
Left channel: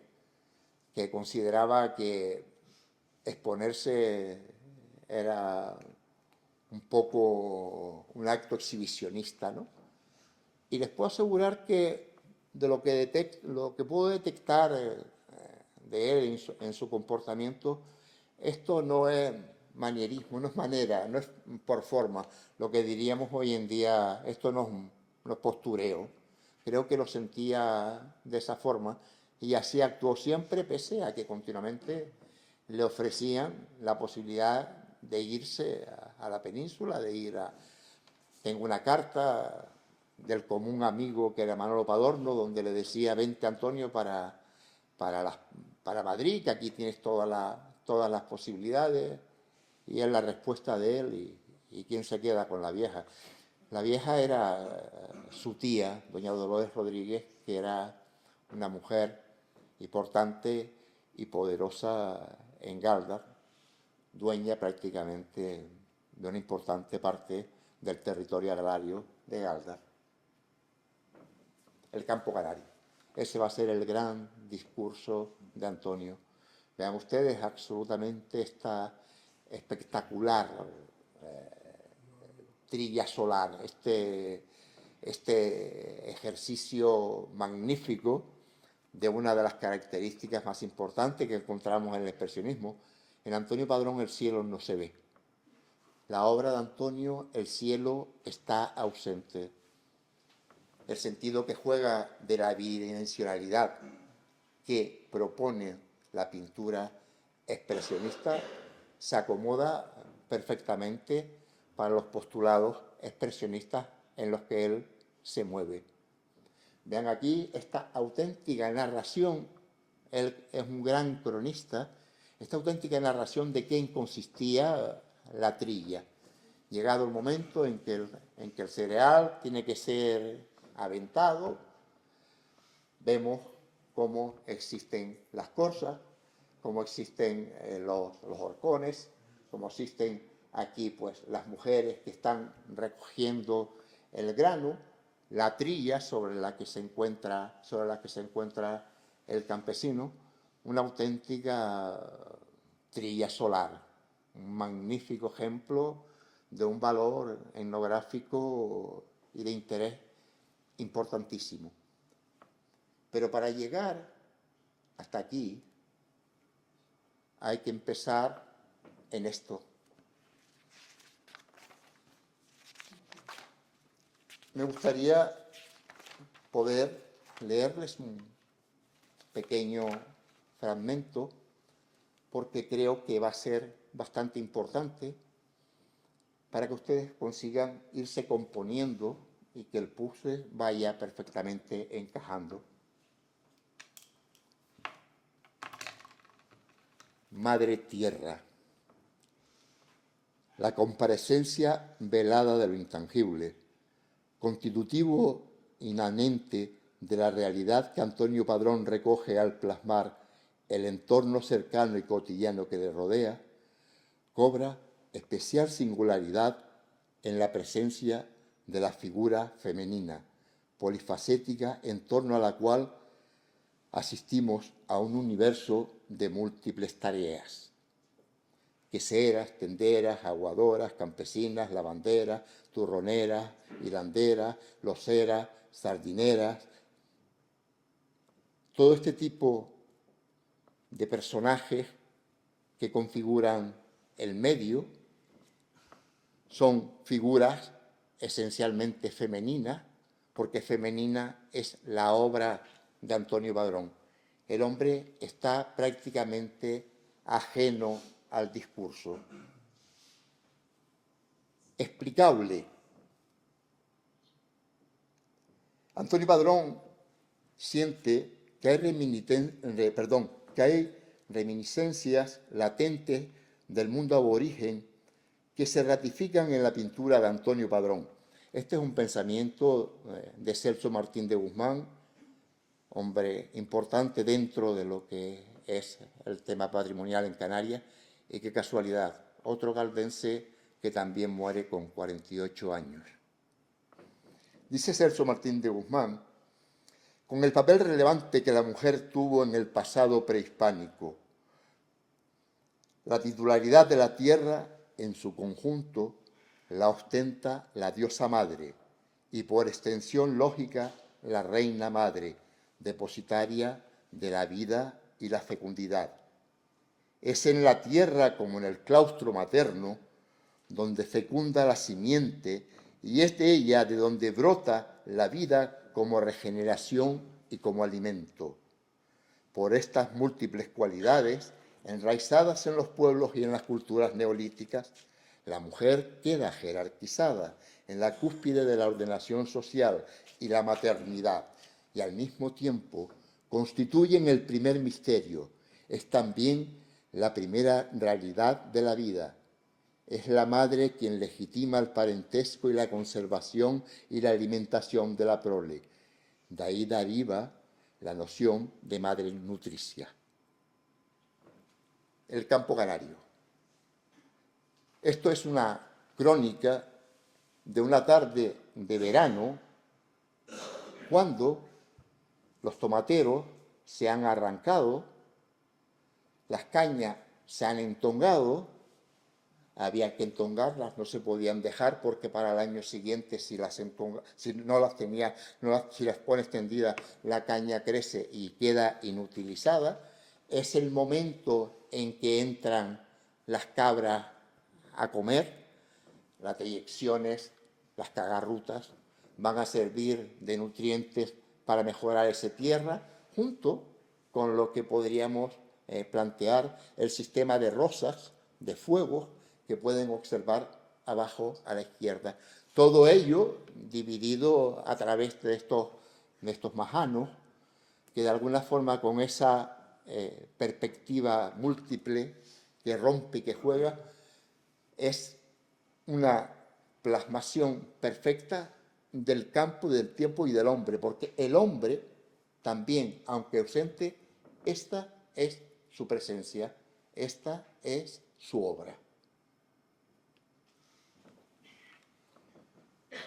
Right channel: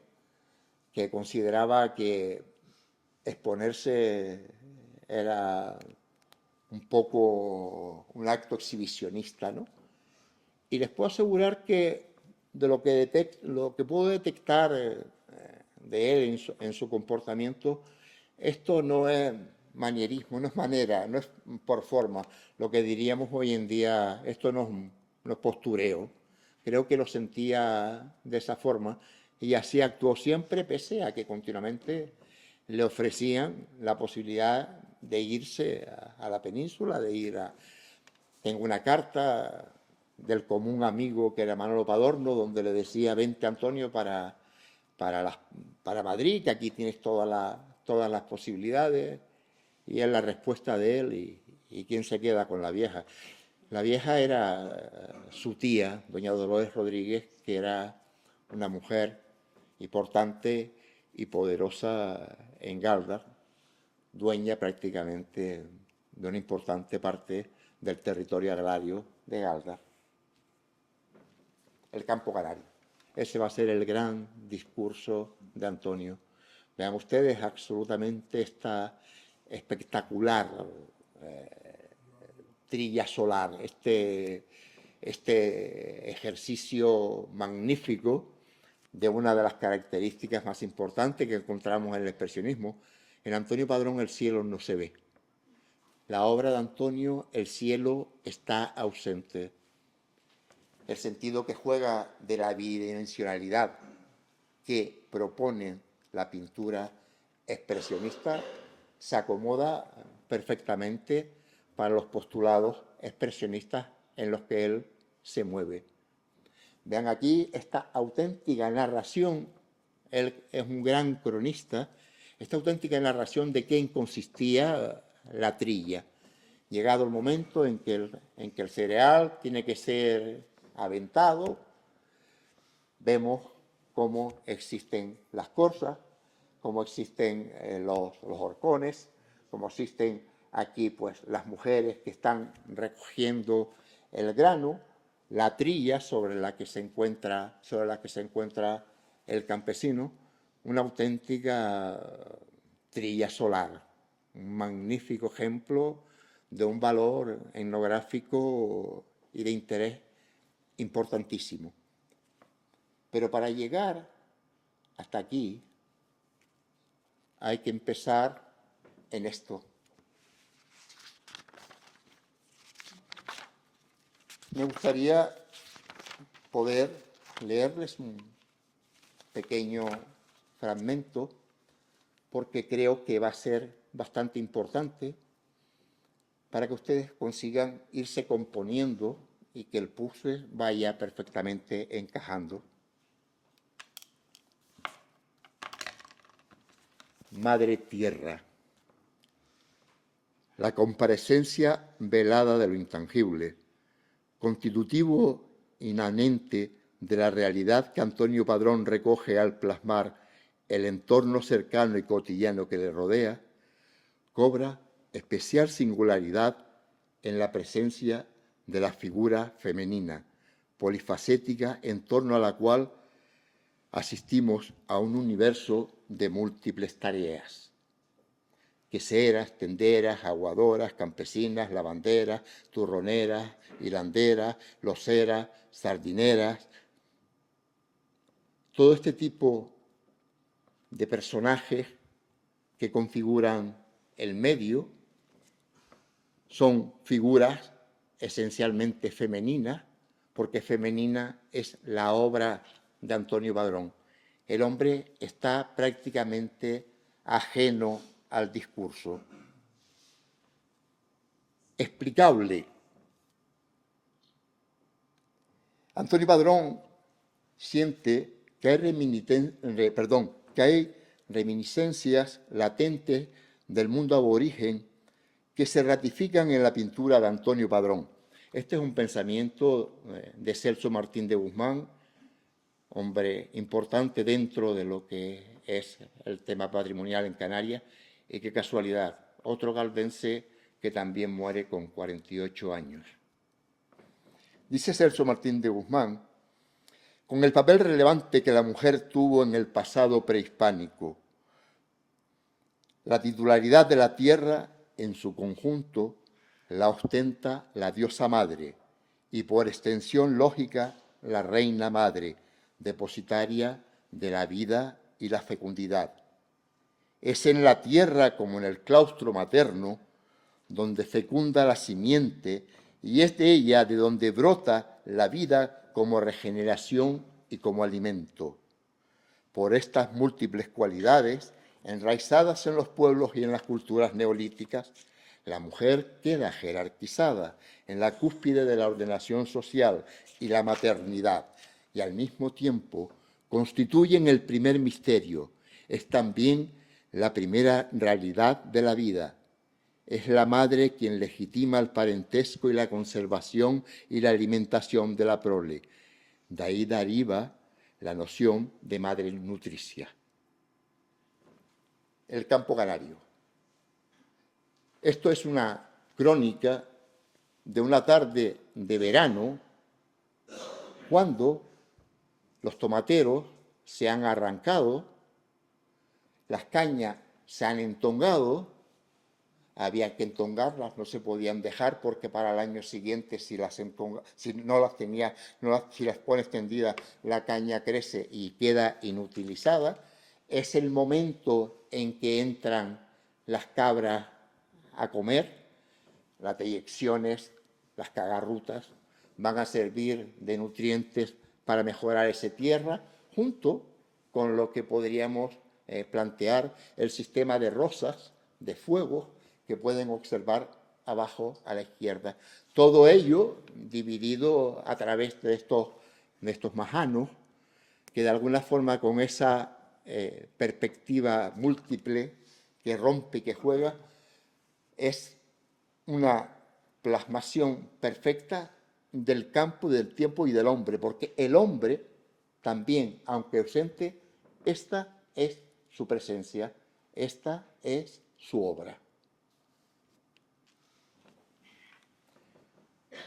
consideraba que exponerse era un poco un acto exhibicionista, ¿no? Y les puedo asegurar que de lo que puedo detectar de él en su comportamiento, esto no es manierismo, no es manera, no es por forma. Lo que diríamos hoy en día, esto no es postureo. Creo que lo sentía de esa forma y así actuó siempre, pese a que continuamente le ofrecían la posibilidad de irse a la península, de ir a... Tengo una carta del común amigo que era Manolo Padorno, donde le decía: vente, Antonio, para Madrid, que aquí tienes todas las posibilidades. Y es la respuesta de él: ¿y quién se queda con la vieja? La vieja era su tía, doña Dolores Rodríguez, que era una mujer importante y poderosa en Galdar, dueña prácticamente de una importante parte del territorio agrario de Galdar, el campo canario. Ese va a ser el gran discurso de Antonio. Vean ustedes absolutamente esta espectacular trilla solar, este ejercicio magnífico de una de las características más importantes que encontramos en el expresionismo. En Antonio Padrón el cielo no se ve. La obra de Antonio, el cielo está ausente. El sentido que juega de la bidimensionalidad que propone la pintura expresionista se acomoda perfectamente para los postulados expresionistas en los que él se mueve. Vean aquí esta auténtica narración, él es un gran cronista, esta auténtica narración de qué consistía la trilla. Llegado el momento en que el cereal tiene que ser aventado, vemos cómo existen las corzas, cómo existen los horcones, cómo existen aquí pues las mujeres que están recogiendo el grano, la trilla sobre la que se encuentra el campesino, una auténtica trilla solar, un magnífico ejemplo de un valor etnográfico y de interés importantísimo. Pero para llegar hasta aquí hay que empezar en esto. Me gustaría poder leerles un pequeño fragmento porque creo que va a ser bastante importante para que ustedes consigan irse componiendo y que el puzzle vaya perfectamente encajando. Madre Tierra. La comparecencia velada de lo intangible, constitutivo inmanente de la realidad que Antonio Padrón recoge al plasmar el entorno cercano y cotidiano que le rodea, cobra especial singularidad en la presencia de la figura femenina, polifacética en torno a la cual asistimos a un universo de múltiples tareas. Queseras, tenderas, aguadoras, campesinas, lavanderas, turroneras, hilanderas, loceras, sardineras. Todo este tipo de personajes que configuran el medio son figuras esencialmente femeninas, porque femenina es la obra de Antonio Padrón. El hombre está prácticamente ajeno al discurso. Explicable. Antonio Padrón siente que hay reminiscencias latentes del mundo aborigen que se ratifican en la pintura de Antonio Padrón. Este es un pensamiento de Celso Martín de Guzmán, hombre importante dentro de lo que es el tema patrimonial en Canarias, y qué casualidad, otro galvense que también muere con 48 años. Dice Celso Martín de Guzmán, con el papel relevante que la mujer tuvo en el pasado prehispánico, la titularidad de la tierra en su conjunto la ostenta la diosa madre y por extensión lógica la reina madre, depositaria de la vida y la fecundidad. Es en la tierra como en el claustro materno donde fecunda la simiente y es de ella de donde brota la vida como regeneración y como alimento. Por estas múltiples cualidades, enraizadas en los pueblos y en las culturas neolíticas, la mujer queda jerarquizada en la cúspide de la ordenación social y la maternidad, y al mismo tiempo constituyen el primer misterio, es también la primera realidad de la vida. Es la madre quien legitima el parentesco y la conservación y la alimentación de la prole. De ahí deriva la noción de madre nutricia. El campo canario. Esto es una crónica de una tarde de verano cuando los tomateros se han arrancado, las cañas se han entongado, había que entongarlas, no se podían dejar porque para el año siguiente si las pones tendidas la caña crece y queda inutilizada. Es el momento en que entran las cabras a comer, las deyecciones, las cagarrutas van a servir de nutrientes para mejorar esa tierra, junto con lo que podríamos plantear el sistema de rosas, de fuegos, que pueden observar abajo a la izquierda. Todo ello dividido a través de estos majanos, que de alguna forma con esa perspectiva múltiple que rompe y que juega, es una plasmación perfecta del campo, del tiempo y del hombre, porque el hombre también, aunque ausente, esta es su presencia, esta es su obra.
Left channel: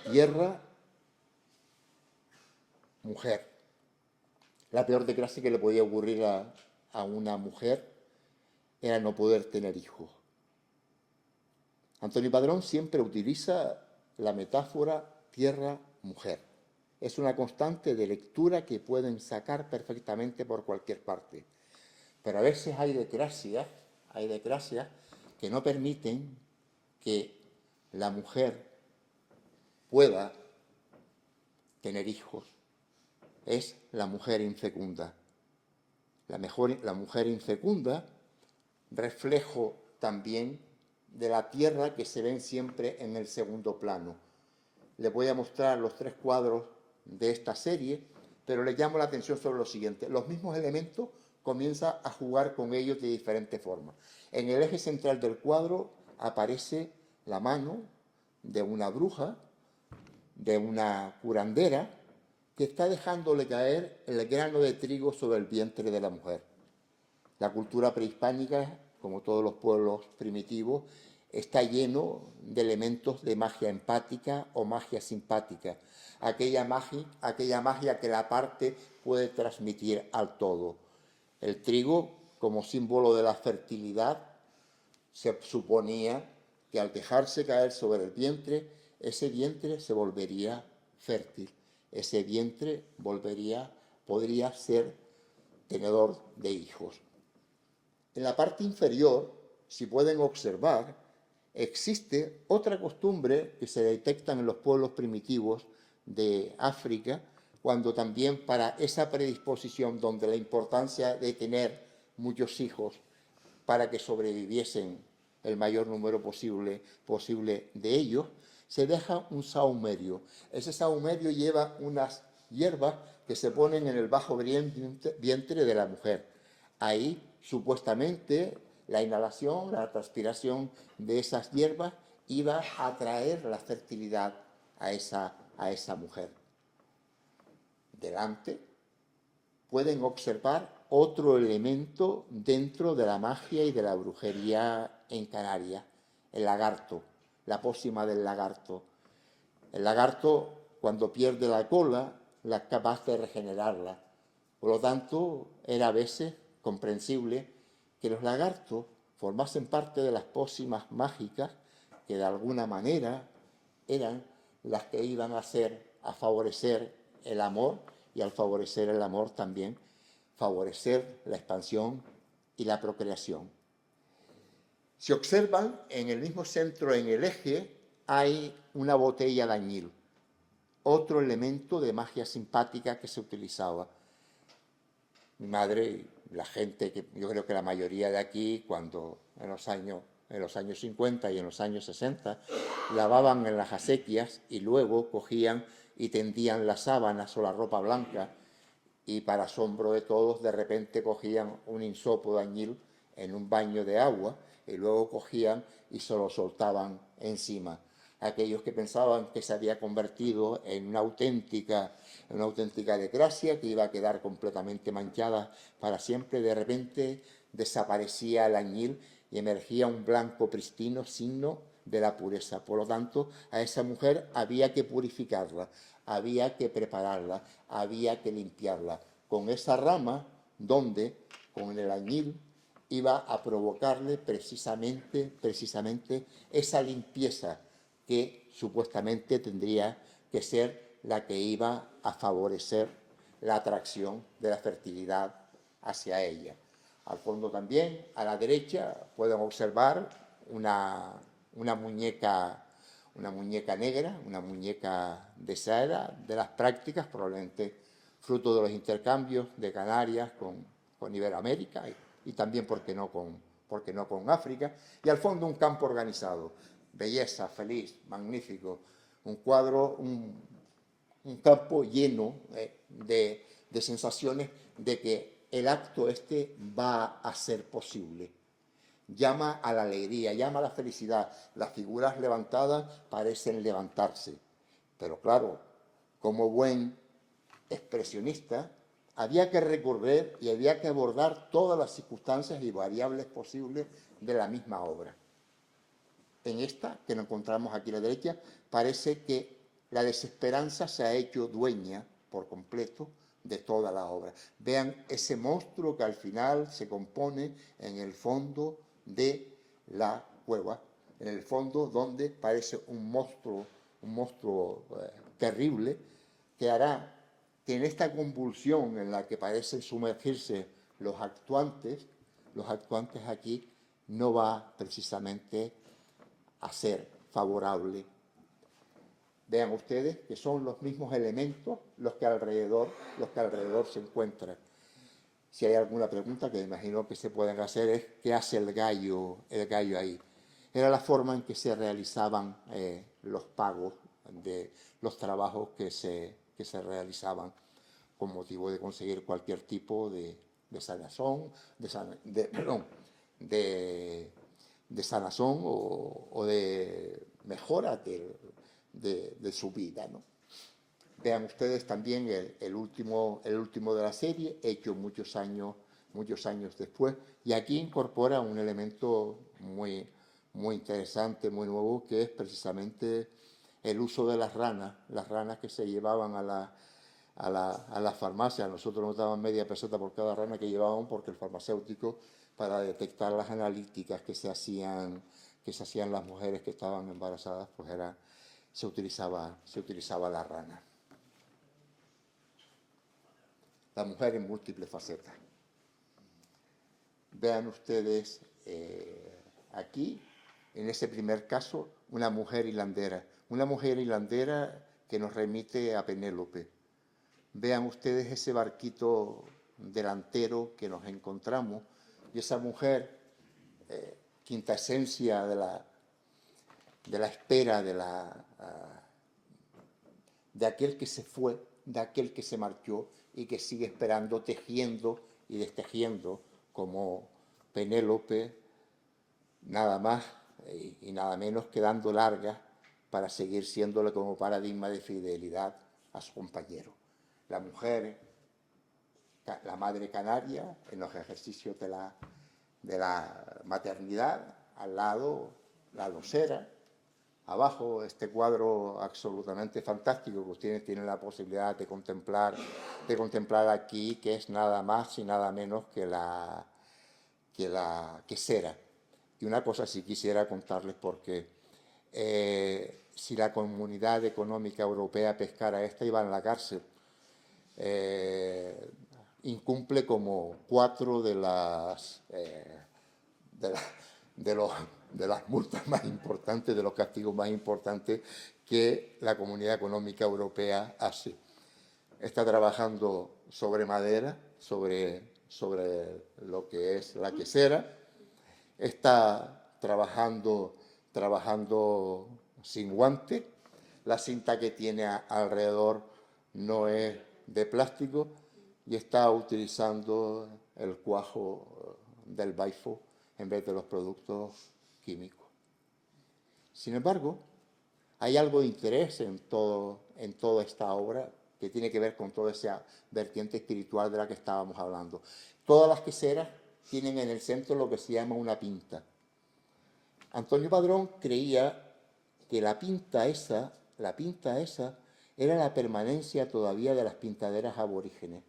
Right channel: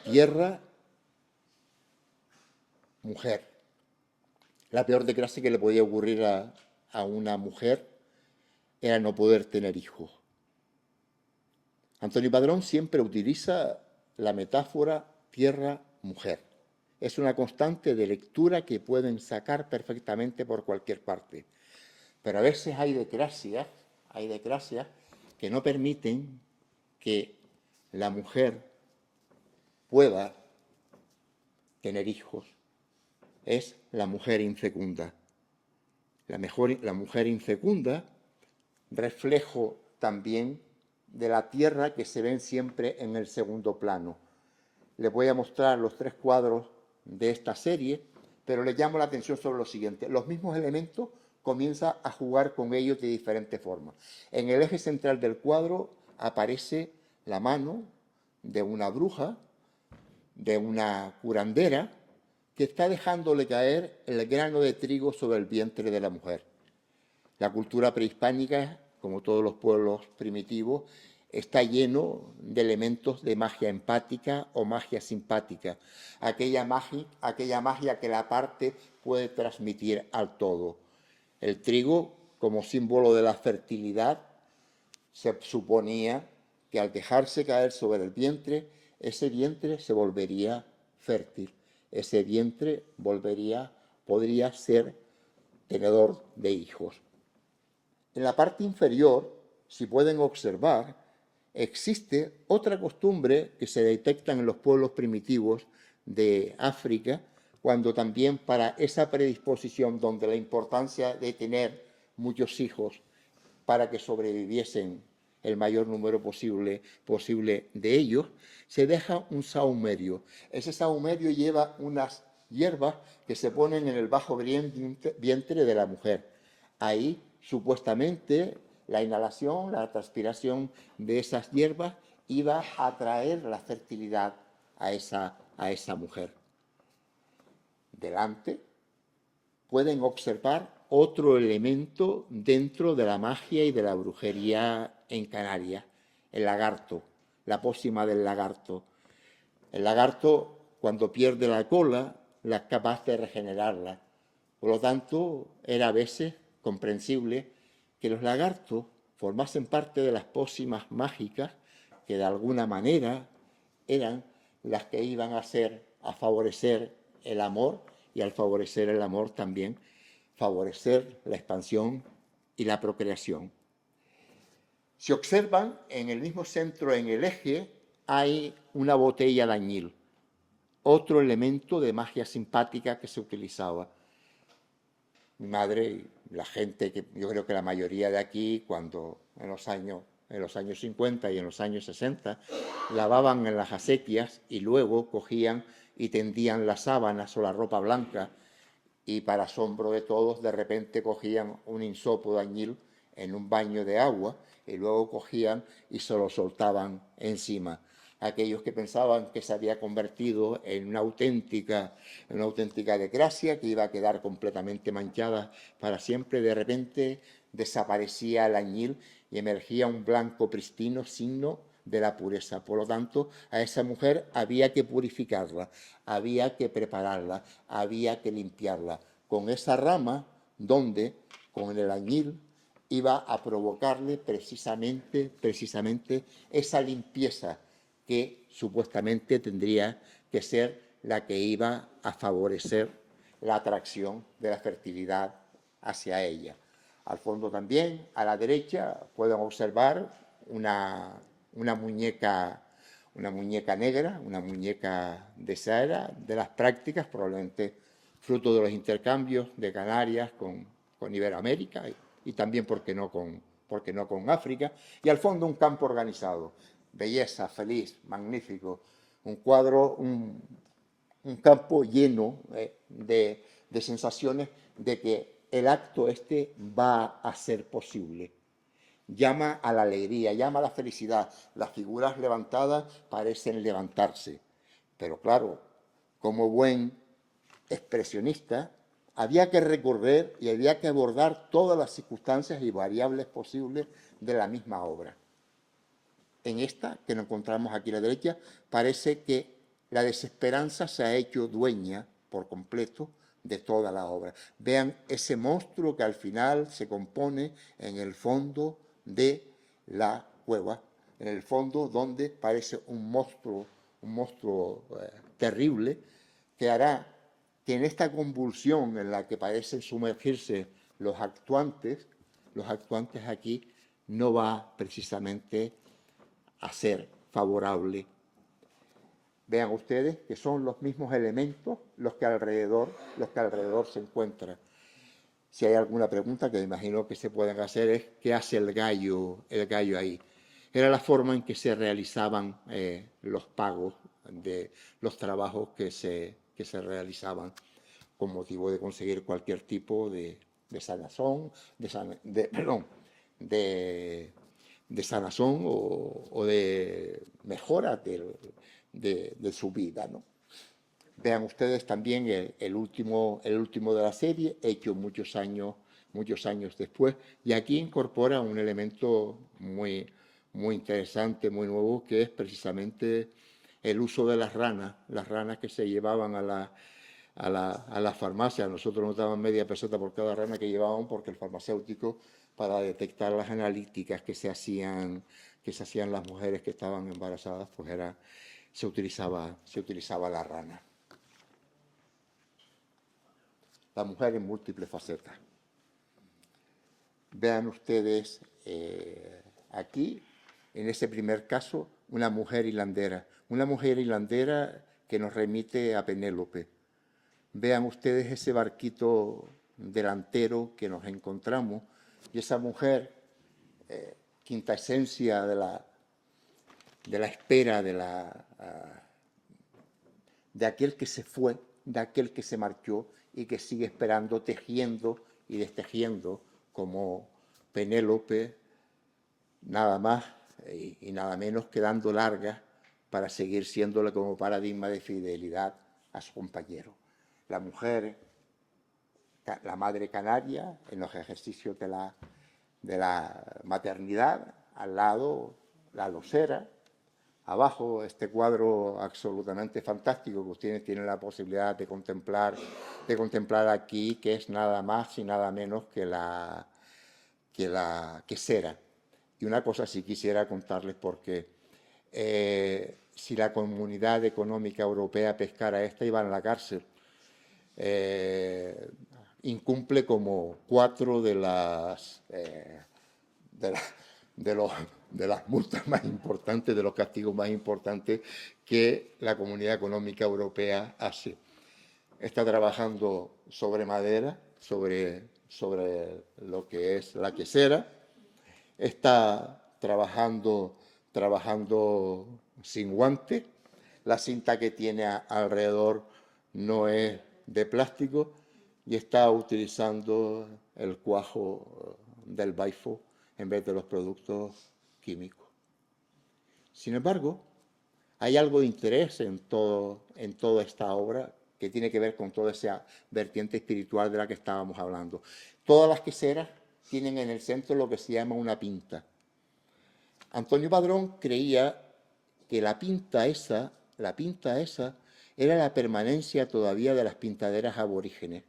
Tierra, mujer. La peor desgracia que le podía ocurrir a una mujer era no poder tener hijos. Antonio Padrón siempre utiliza la metáfora tierra-mujer. Es una constante de lectura que pueden sacar perfectamente por cualquier parte. Pero a veces hay desgracias que no permiten que la mujer pueda tener hijos. Es la mujer infecunda. La mujer infecunda, reflejo también de la tierra que se ven siempre en el segundo plano. Les voy a mostrar los 3 cuadros de esta serie, pero les llamo la atención sobre lo siguiente. Los mismos elementos comienza a jugar con ellos de diferentes formas. En el eje central del cuadro aparece la mano de una bruja, de una curandera, que está dejándole caer el grano de trigo sobre el vientre de la mujer. La cultura prehispánica, como todos los pueblos primitivos, está lleno de elementos de magia empática o magia simpática, aquella magia que la parte puede transmitir al todo. El trigo, como símbolo de la fertilidad, se suponía que al dejarse caer sobre el vientre, ese vientre se volvería fértil, ese vientre podría ser tenedor de hijos. En la parte inferior, si pueden observar, existe otra costumbre que se detecta en los pueblos primitivos de África, cuando también para esa predisposición donde la importancia de tener muchos hijos para que sobreviviesen el mayor número posible de ellos, se deja un sahumerio. Ese sahumerio lleva unas hierbas que se ponen en el bajo vientre de la mujer. Ahí, supuestamente, la inhalación, la transpiración de esas hierbas iba a traer la fertilidad a esa mujer. Delante pueden observar otro elemento dentro de la magia y de la brujería en Canarias, el lagarto, la pócima del lagarto. El lagarto, cuando pierde la cola, es capaz de regenerarla. Por lo tanto, era a veces comprensible que los lagartos formasen parte de las pócimas mágicas que de alguna manera eran las que iban a favorecer el amor, y al favorecer el amor también favorecer la expansión y la procreación. Si observan, en el mismo centro, en el eje, hay una botella de añil, otro elemento de magia simpática que se utilizaba. Mi madre y la gente, que yo creo que la mayoría de aquí, cuando en los años 50 y en los años 60, lavaban en las acequias y luego cogían y tendían las sábanas o la ropa blanca, y para asombro de todos, de repente cogían un hinsopo de añil en un baño de agua y luego cogían y se lo soltaban encima. Aquellos que pensaban que se había convertido en una auténtica desgracia, que iba a quedar completamente manchada para siempre, de repente desaparecía el añil y emergía un blanco pristino, signo de la pureza. Por lo tanto, a esa mujer había que purificarla, había que prepararla, había que limpiarla con esa rama donde, con el añil, iba a provocarle precisamente esa limpieza que supuestamente tendría que ser la que iba a favorecer la atracción de la fertilidad hacia ella. Al fondo también, a la derecha, pueden observar una muñeca negra, una muñeca de Sahara, de las prácticas, probablemente fruto de los intercambios de Canarias con Iberoamérica y también, ¿por qué no con África? Y al fondo un campo organizado. belleza, feliz, magnífico. Un cuadro, un campo lleno de sensaciones de que el acto este va a ser posible. Llama a la alegría, llama a la felicidad. Las figuras levantadas parecen levantarse. Pero claro, como buen expresionista, había que recorrer y había que abordar todas las circunstancias y variables posibles de la misma obra. En esta, que nos encontramos aquí a la derecha, parece que la desesperanza se ha hecho dueña por completo de toda la obra. Vean ese monstruo que al final se compone en el fondo de la cueva, en el fondo donde parece un monstruo terrible, que hará que en esta convulsión en la que parecen sumergirse los actuantes aquí, no va precisamente a ser favorable. Vean ustedes que son los mismos elementos los que alrededor se encuentran. Si hay alguna pregunta que me imagino que se pueden hacer es ¿qué hace el gallo ahí? Era la forma en que se realizaban los pagos de los trabajos que se realizaban con motivo de conseguir cualquier tipo de sanazón, de sanazón o de mejora de su vida, ¿no? Vean ustedes también el último de la serie, hecho muchos años después, y aquí incorpora un elemento muy interesante, muy nuevo, que es precisamente el uso de las ranas que se llevaban a la farmacia. Nosotros nos daban media peseta por cada rana que llevaban, porque el farmacéutico, para detectar las analíticas que se hacían las mujeres que estaban embarazadas, pues se utilizaba la rana. La mujer en múltiples facetas. Vean ustedes aquí, en ese primer caso, una mujer hilandera que nos remite a Penélope. Vean ustedes ese barquito delantero que nos encontramos y esa mujer, quinta esencia de la espera de aquel que se fue, de aquel que se marchó y que sigue esperando, tejiendo y destejiendo como Penélope, nada más y nada menos que dando largas para seguir siéndole como paradigma de fidelidad a su compañero. La mujer, la madre canaria, en los ejercicios de la maternidad, al lado la losera, abajo este cuadro absolutamente fantástico que ustedes tienen la posibilidad de contemplar aquí, que es nada más y nada menos que la quesera. Y una cosa sí quisiera contarles, porque si la Comunidad Económica Europea pescara esta, iba en la cárcel. Incumple como 4 de las multas más importantes, de los castigos más importantes que la Comunidad Económica Europea hace. Está trabajando sobre madera, sobre lo que es la quesera. Está trabajando sin guante. La cinta que tiene alrededor no es de plástico y está utilizando el cuajo del baifo en vez de los productos químicos. Sin embargo, hay algo de interés en toda esta obra que tiene que ver con toda esa vertiente espiritual de la que estábamos hablando. Todas las queseras tienen en el centro lo que se llama una pinta. Antonio Padrón creía que la pinta esa era la permanencia todavía de las pintaderas aborígenes,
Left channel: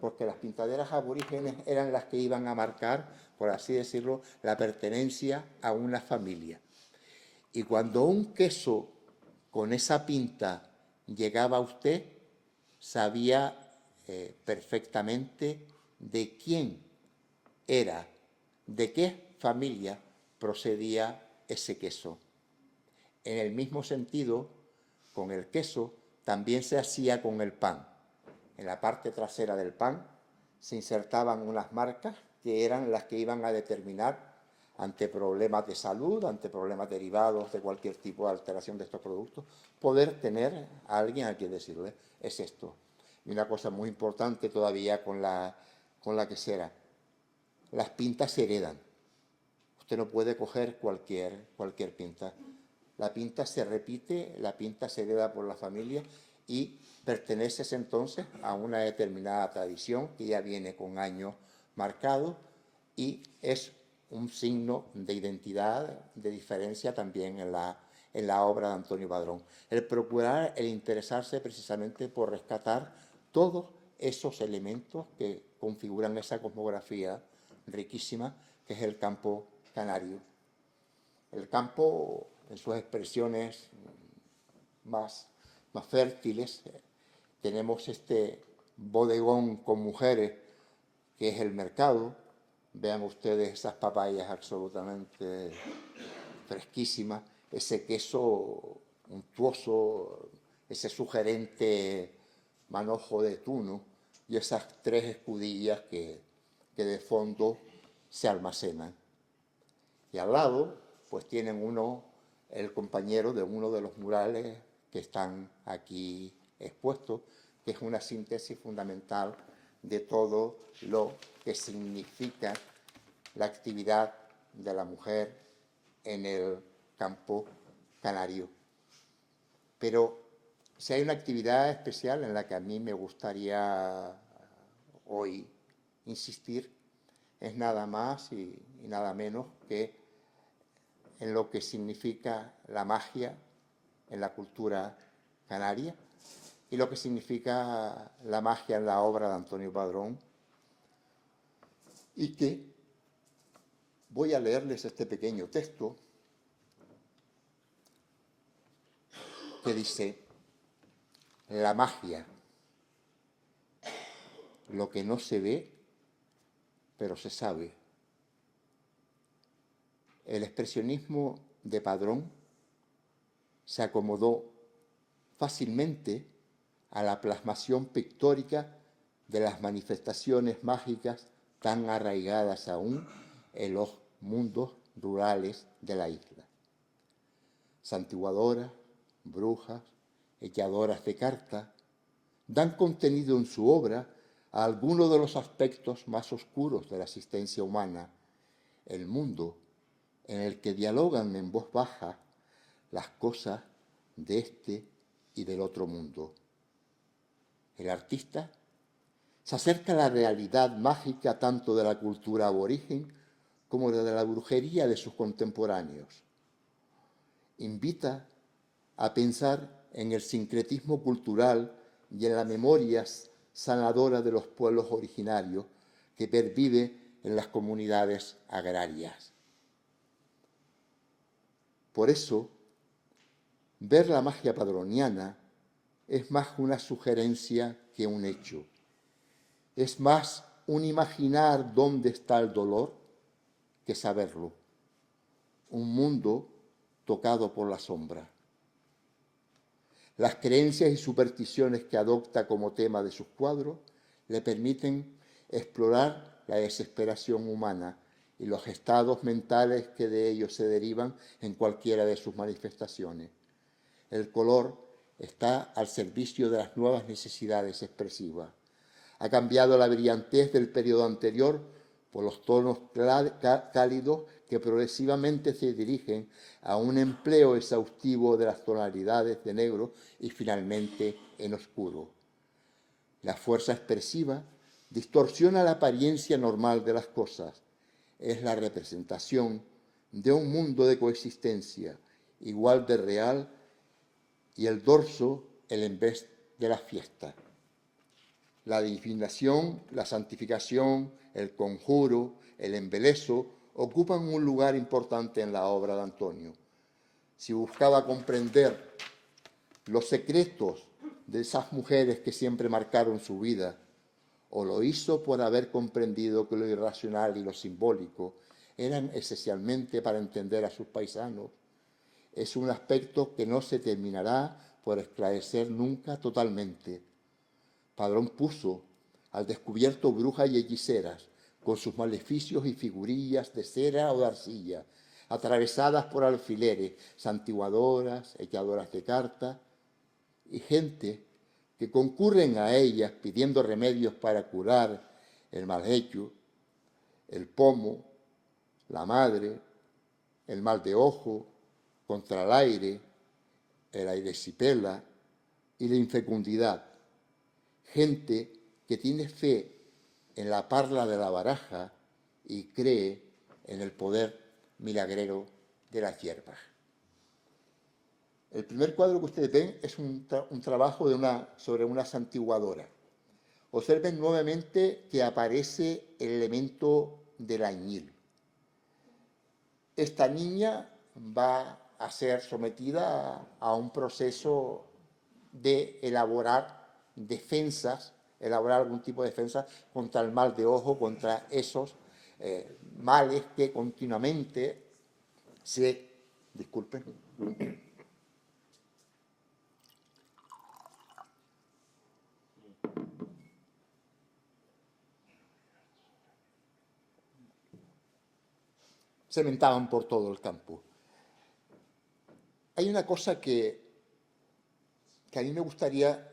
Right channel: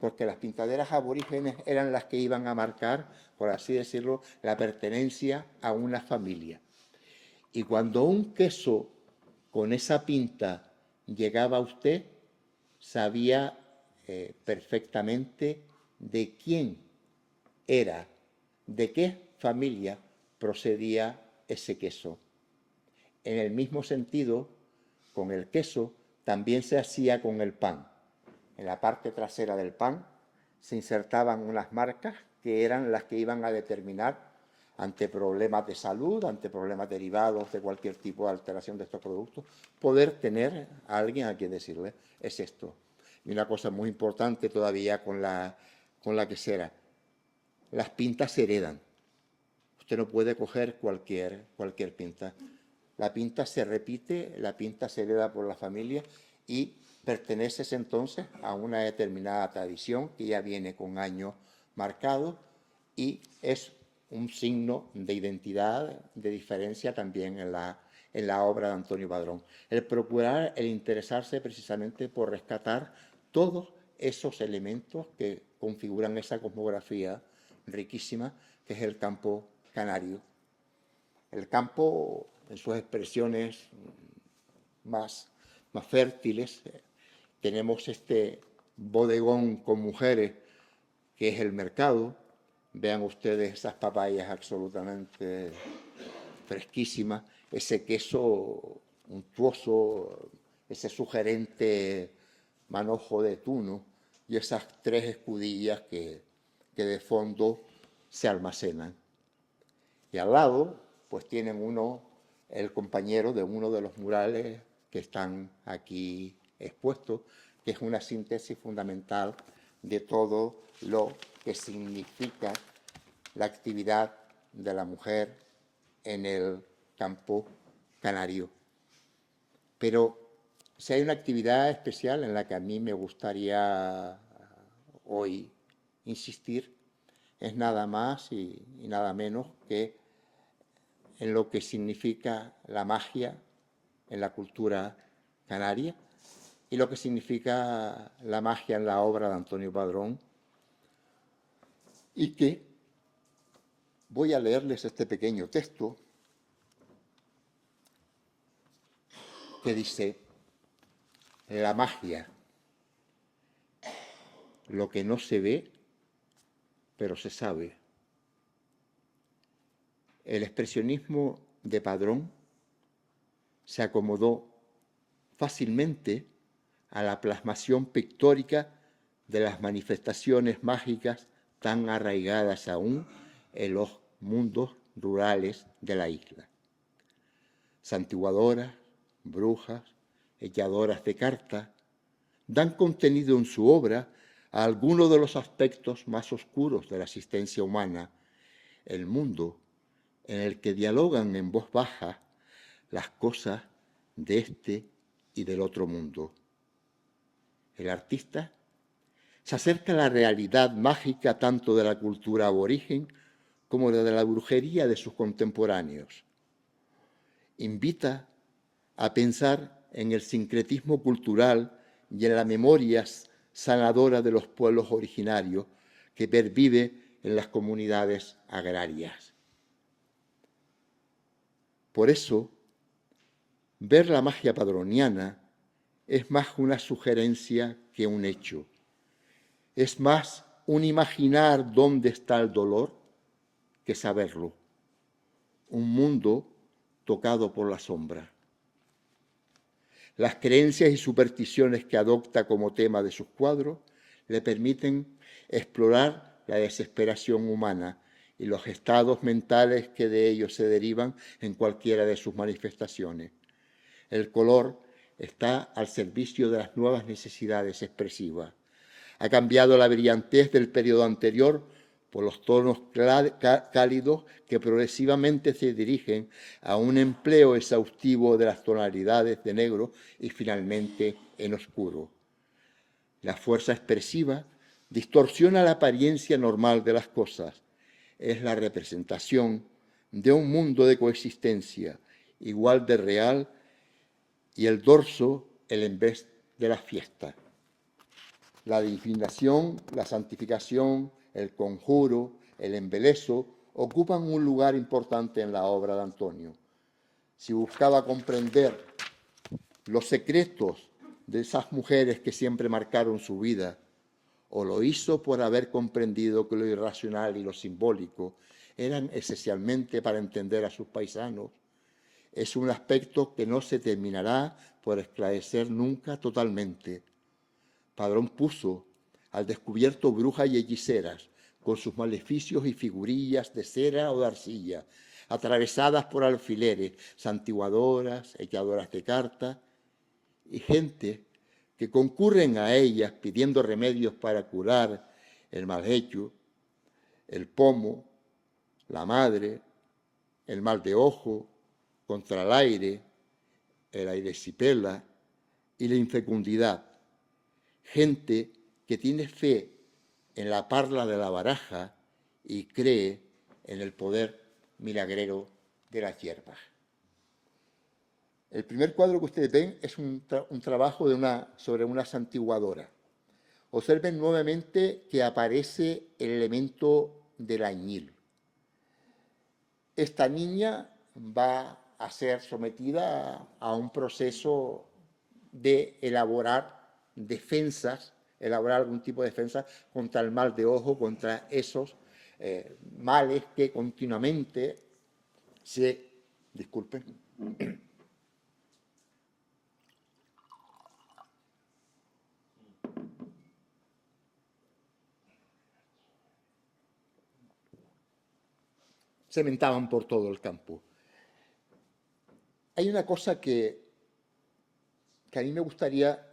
porque las pintaderas aborígenes eran las que iban a marcar, por así decirlo, la pertenencia a una familia. Y cuando un queso con esa pinta llegaba a usted, sabía perfectamente de quién era, de qué familia procedía ese queso. En el mismo sentido, con el queso también se hacía con el pan. En la parte trasera del pan se insertaban unas marcas que eran las que iban a determinar ante problemas de salud, ante problemas derivados de cualquier tipo de alteración de estos productos, poder tener a alguien a quien decirle, es esto. Y una cosa muy importante todavía con la quesera, las pintas se heredan. Usted no puede coger cualquier pinta. La pinta se repite, la pinta se hereda por la familia y perteneces entonces a una determinada tradición que ya viene con años marcados y es un signo de identidad, de diferencia también en la obra de Antonio Padrón. El procurar, el interesarse precisamente por rescatar todos esos elementos que configuran esa cosmografía riquísima que es el campo canario. El campo, en sus expresiones más fértiles, tenemos este bodegón con mujeres que es el mercado. Vean ustedes esas papayas absolutamente fresquísimas, ese queso untuoso, ese sugerente manojo de tuno y esas 3 escudillas que de fondo se almacenan. Y al lado, pues tienen el compañero de uno de los murales que están aquí expuestos, que es una síntesis fundamental de todo lo que significa la actividad de la mujer en el campo canario. Pero si hay una actividad especial en la que a mí me gustaría hoy insistir, es nada más y nada menos que en lo que significa la magia en la cultura canaria y lo que significa la magia en la obra de Antonio Padrón, y que voy a leerles este pequeño texto que dice: la magia, lo que no se ve, pero se sabe. El expresionismo de Padrón se acomodó fácilmente a la plasmación pictórica de las manifestaciones mágicas tan arraigadas aún en los mundos rurales de la isla. Santiguadoras, brujas, echadoras de cartas, dan contenido en su obra a algunos de los aspectos más oscuros de la existencia humana, el mundo en el que dialogan en voz baja las cosas de este y del otro mundo. El artista se acerca a la realidad mágica tanto de la cultura aborigen como de la brujería de sus contemporáneos. Invita a pensar en el sincretismo cultural y en la memoria sanadora de los pueblos originarios que pervive en las comunidades agrarias. Por eso, ver la magia padroniana es más una sugerencia que un hecho. Es más un imaginar dónde está el dolor que saberlo. Un mundo tocado por la sombra. Las creencias y supersticiones que adopta como tema de sus cuadros le permiten explorar la desesperación humana y los estados mentales que de ellos se derivan en cualquiera de sus manifestaciones. El color está al servicio de las nuevas necesidades expresivas. Ha cambiado la brillantez del periodo anterior por los tonos cálidos que progresivamente se dirigen a un empleo exhaustivo de las tonalidades de negro y finalmente en oscuro. La fuerza expresiva distorsiona la apariencia normal de las cosas. Es la representación de un mundo de coexistencia igual de real y el dorso el en vez de la fiesta. La divinación, la santificación, el conjuro, el embeleso ocupan un lugar importante en la obra de Antonio. Si buscaba comprender los secretos de esas mujeres que siempre marcaron su vida, o lo hizo por haber comprendido que lo irracional y lo simbólico eran esencialmente para entender a sus paisanos, es un aspecto que no se terminará por esclarecer nunca totalmente. Padrón puso al descubierto brujas y hechiceras con sus maleficios y figurillas de cera o de arcilla, atravesadas por alfileres, santiguadoras, echadoras de cartas, y gente que concurren a ellas pidiendo remedios para curar el mal hecho, el pomo, la madre, el mal de ojo, contra el aire sipela y la infecundidad. Gente que tiene fe en la parla de la baraja y cree en el poder milagrero de las hierbas. El primer cuadro que ustedes ven es un trabajo sobre una santiguadora. Observen nuevamente que aparece el elemento del añil. Esta niña va a ser sometida a un proceso de elaborar defensas, elaborar algún tipo de defensa contra el mal de ojo, contra esos males que continuamente disculpen, cementaban por todo el campo. Hay una cosa que a mí me gustaría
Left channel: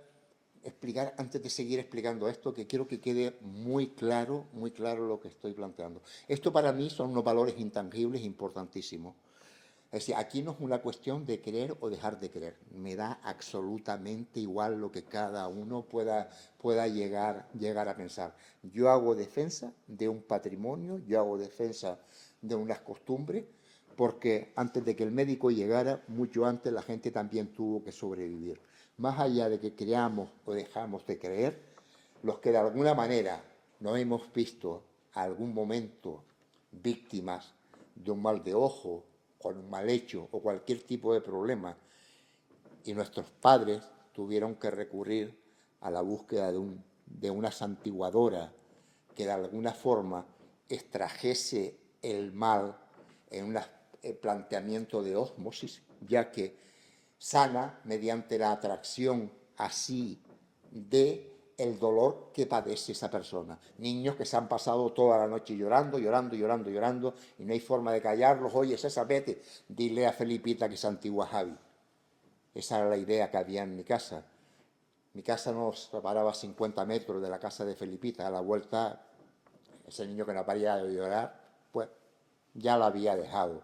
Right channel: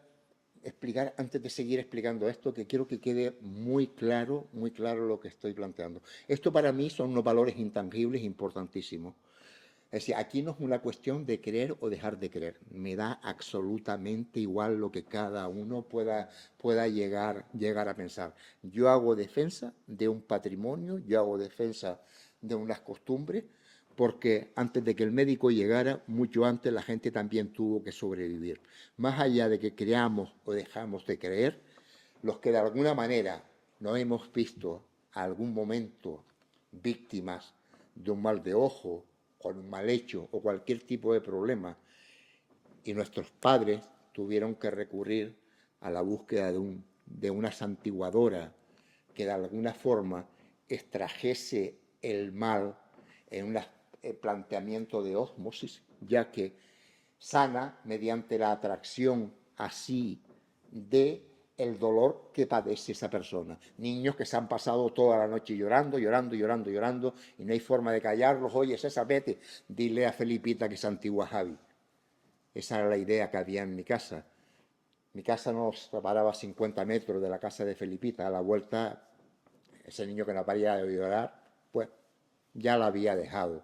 explicar antes de seguir explicando esto, que quiero que quede muy claro lo que estoy planteando. Esto para mí son unos valores intangibles importantísimos. Es decir, aquí no es una cuestión de creer o dejar de creer. Me da absolutamente igual lo que cada uno pueda llegar a pensar. Yo hago defensa de un patrimonio, yo hago defensa de unas costumbres, porque antes de que el médico llegara, mucho antes la gente también tuvo que sobrevivir. Más allá de que creamos o dejamos de creer, los que de alguna manera no hemos visto algún momento víctimas de un mal de ojo, con un mal hecho o cualquier tipo de problema, y nuestros padres tuvieron que recurrir a la búsqueda de una santiguadora que de alguna forma extrajese el mal en un planteamiento de ósmosis, ya que sana mediante la atracción así de el dolor que padece esa persona. Niños que se han pasado toda la noche llorando, llorando, llorando, llorando, y no hay forma de callarlos. Oye, César, vete, dile a Felipita que se antigua Javi. Esa era la idea que había en mi casa. Mi casa nos separaba 50 metros de la casa de Felipita. A la vuelta, ese niño que no paría de llorar, pues ya la había dejado.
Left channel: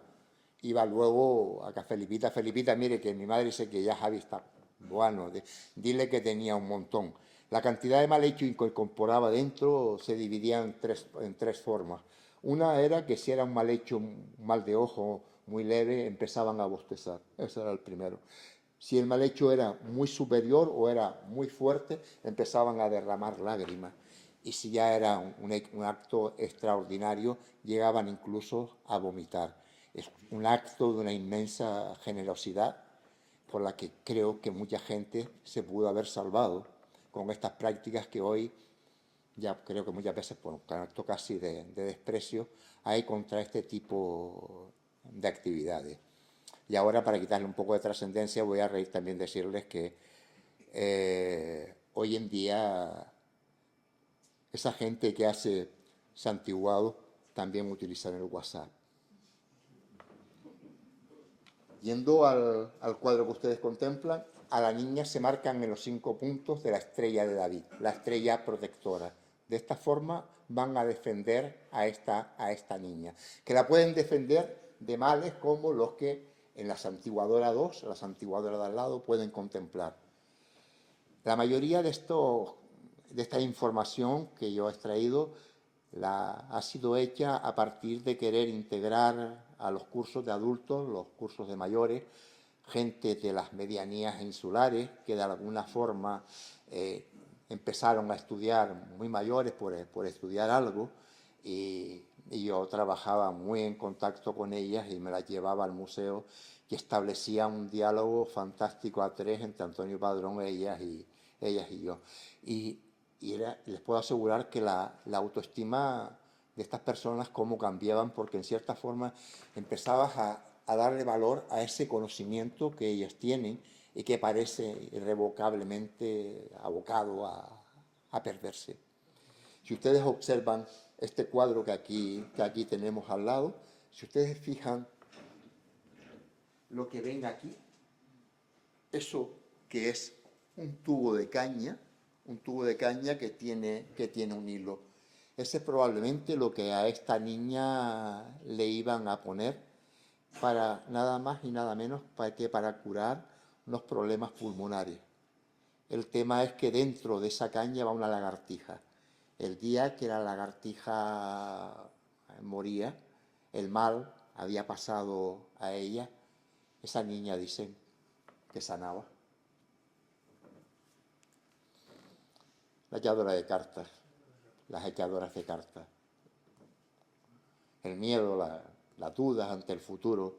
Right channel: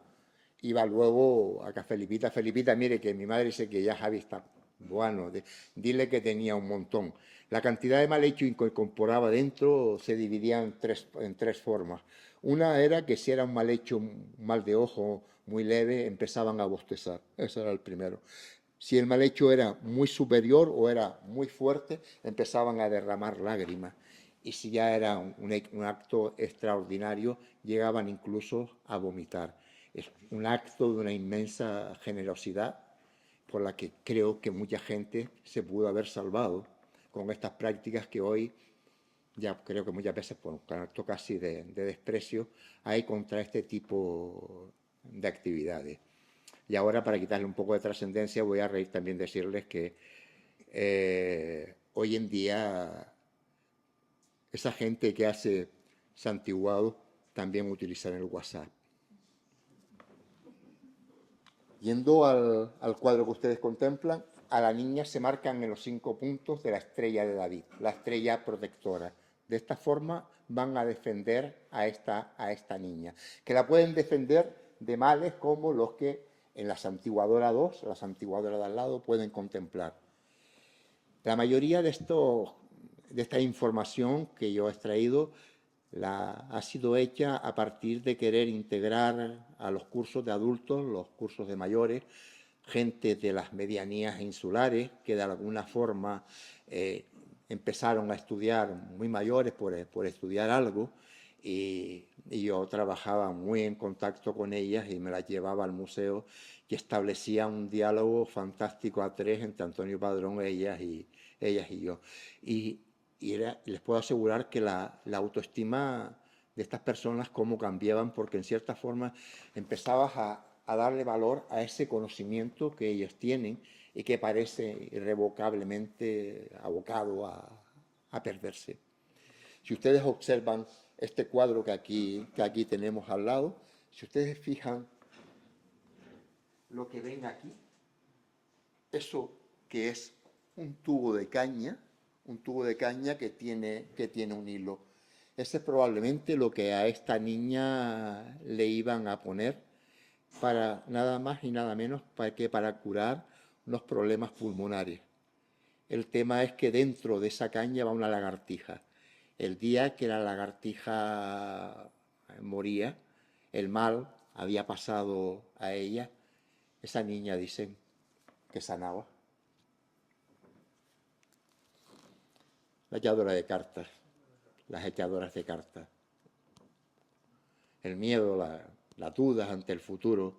Iba luego a que Felipita, mire que mi madre dice que ya Javi está bueno, dile que tenía un montón. La cantidad de mal hecho que incorporaba dentro se dividía en tres formas. Una era que si era un mal hecho, un mal de ojo muy leve, empezaban a bostezar. Ese era el primero. Si el mal hecho era muy superior o era muy fuerte, empezaban a derramar lágrimas. Y si ya era un acto extraordinario, llegaban incluso a vomitar. Es un acto de una inmensa generosidad por la que creo que mucha gente se pudo haber salvado con estas prácticas que hoy ya creo que muchas veces por un acto casi de desprecio hay contra este tipo de actividades. Y ahora, para quitarle un poco de trascendencia, voy a reír también decirles que hoy en día esa gente que hace santiguado también utiliza el WhatsApp. Yendo al cuadro que ustedes contemplan, a la niña se marcan en los 5 puntos de la estrella de David, la estrella protectora. De esta forma van a defender a esta niña, que la pueden defender de males como los que en la santiguadora 2, la santiguadora de al lado, pueden contemplar. La mayoría de esta información que yo he extraído ha sido hecha a partir de querer integrar a los cursos de adultos, los cursos de mayores, gente de las medianías insulares que de alguna forma empezaron a estudiar muy mayores por estudiar algo, y yo trabajaba muy en contacto con ellas y me las llevaba al museo, y establecía un diálogo fantástico a tres entre Antonio Padrón, ellas y yo. Y les puedo asegurar que la autoestima de estas personas cómo cambiaban, porque en cierta forma empezabas a darle valor a ese conocimiento que ellos tienen y que parece irrevocablemente abocado a perderse. Si ustedes observan este cuadro que aquí tenemos al lado, si ustedes fijan lo que ven aquí, eso que es un tubo de caña que tiene un hilo. Ese es probablemente lo que a esta niña le iban a poner para nada más y nada menos para curar unos problemas pulmonares. El tema es que dentro de esa caña va una lagartija. El día que la lagartija moría, el mal había pasado a ella, esa niña dicen que sanaba. La echadora de cartas, las echadoras de cartas. El miedo, las dudas ante el futuro.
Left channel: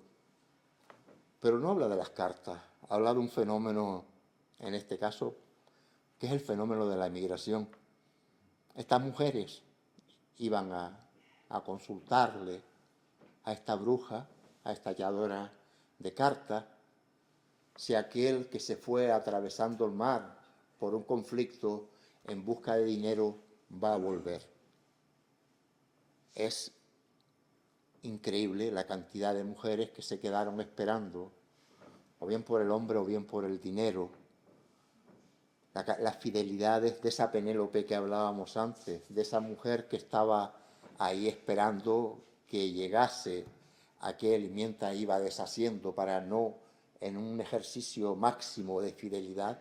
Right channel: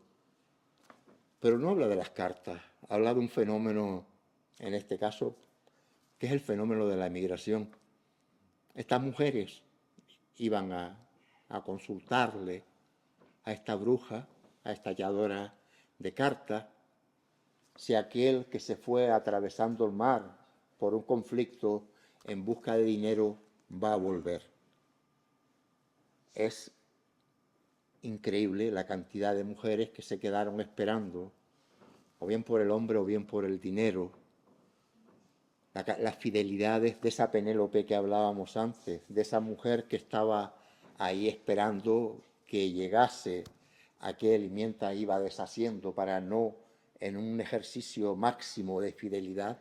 Pero no habla de las cartas, habla de un fenómeno, en este caso, que es el fenómeno de la emigración. Estas mujeres iban a consultarle a esta bruja, a esta halladora de cartas, si aquel que se fue atravesando el mar por un conflicto en busca de dinero va a volver. Es increíble la cantidad de mujeres que se quedaron esperando, o bien por el hombre o bien por el dinero, las fidelidades de esa Penélope que hablábamos antes, de esa mujer que estaba ahí esperando que llegase aquel y mientras iba deshaciendo para no, en un ejercicio máximo de fidelidad,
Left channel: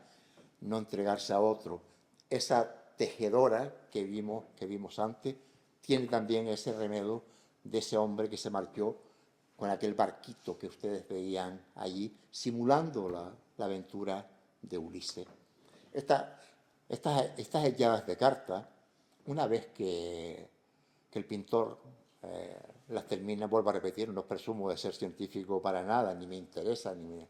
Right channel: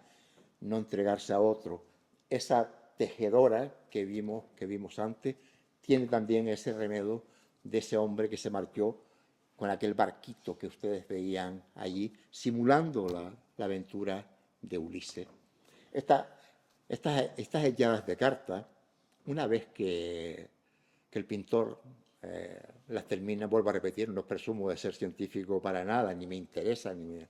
no entregarse a otro. Esa tejedora que vimos antes tiene también ese remedio de ese hombre que se marchó con aquel barquito que ustedes veían allí, simulando la aventura de Ulises. Estas echadas de cartas, una vez que el pintor las termina, vuelvo a repetir, no presumo de ser científico para nada, ni me interesa, ni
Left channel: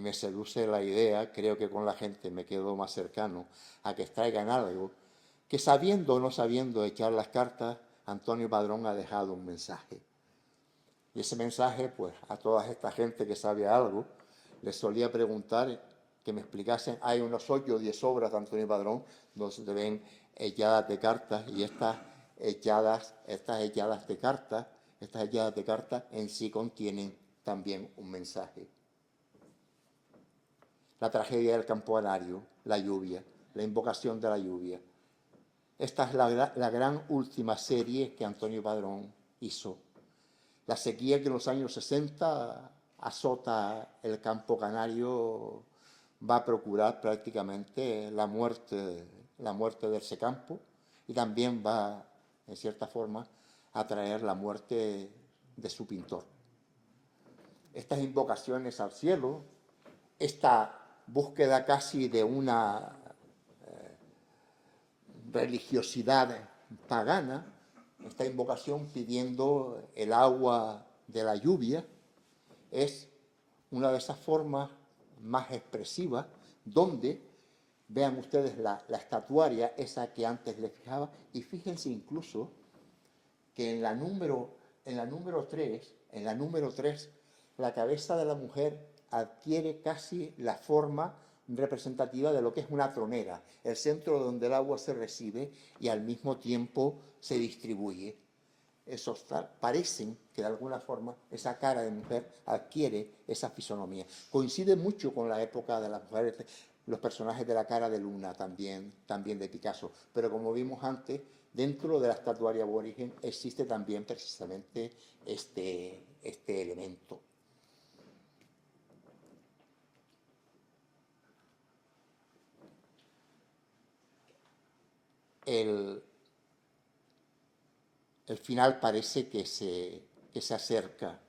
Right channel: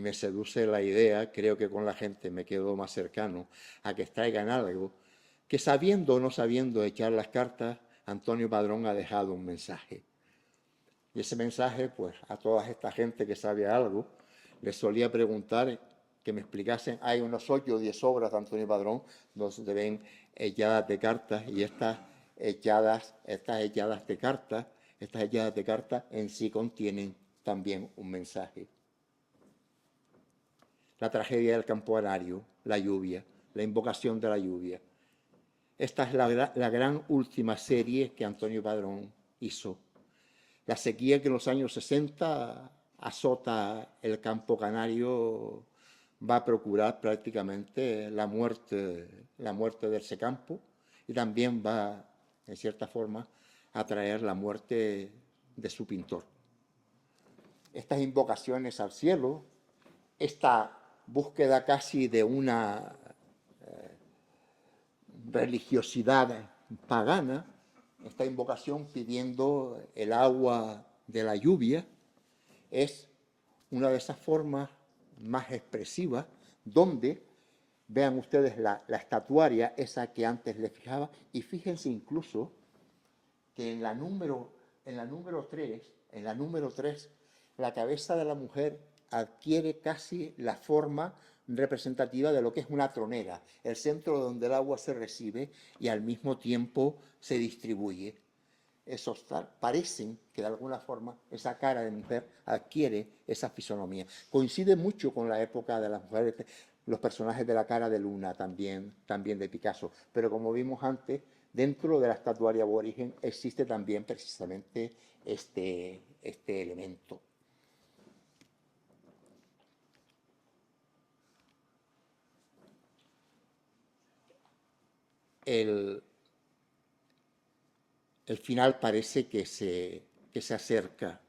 me seduce la idea, creo que con la gente me quedo más cercano a que extraigan algo, que sabiendo o no sabiendo echar las cartas, Antonio Padrón ha dejado un mensaje. Y ese mensaje, pues, a toda esta gente que sabe algo, les solía preguntar que me explicasen, hay unos 8 o 10 obras de Antonio Padrón donde ven echadas de cartas y estas echadas de cartas en sí contienen también un mensaje. La tragedia del campanario, la lluvia, la invocación de la lluvia. Esta es la gran última serie que Antonio Padrón hizo. La sequía que en los años 60 azota el campo canario va a procurar prácticamente la muerte de ese campo y también va, en cierta forma, a traer la muerte de su pintor. Estas invocaciones al cielo, esta búsqueda casi de una religiosidad pagana, esta invocación pidiendo el agua de la lluvia, es una de esas formas más expresivas donde, vean ustedes la estatuaria, esa que antes les fijaba, y fíjense incluso que en la número 3, la cabeza de la mujer adquiere casi la forma representativa de lo que es una tronera, el centro donde el agua se recibe y al mismo tiempo se distribuye. Esos parecen que de alguna forma esa cara de mujer adquiere esa fisonomía. Coincide mucho con la época de las mujeres, los personajes de la cara de luna también de Picasso. Pero como vimos antes, dentro de la estatuaria aborigen existe también precisamente este elemento. El final parece que se acerca.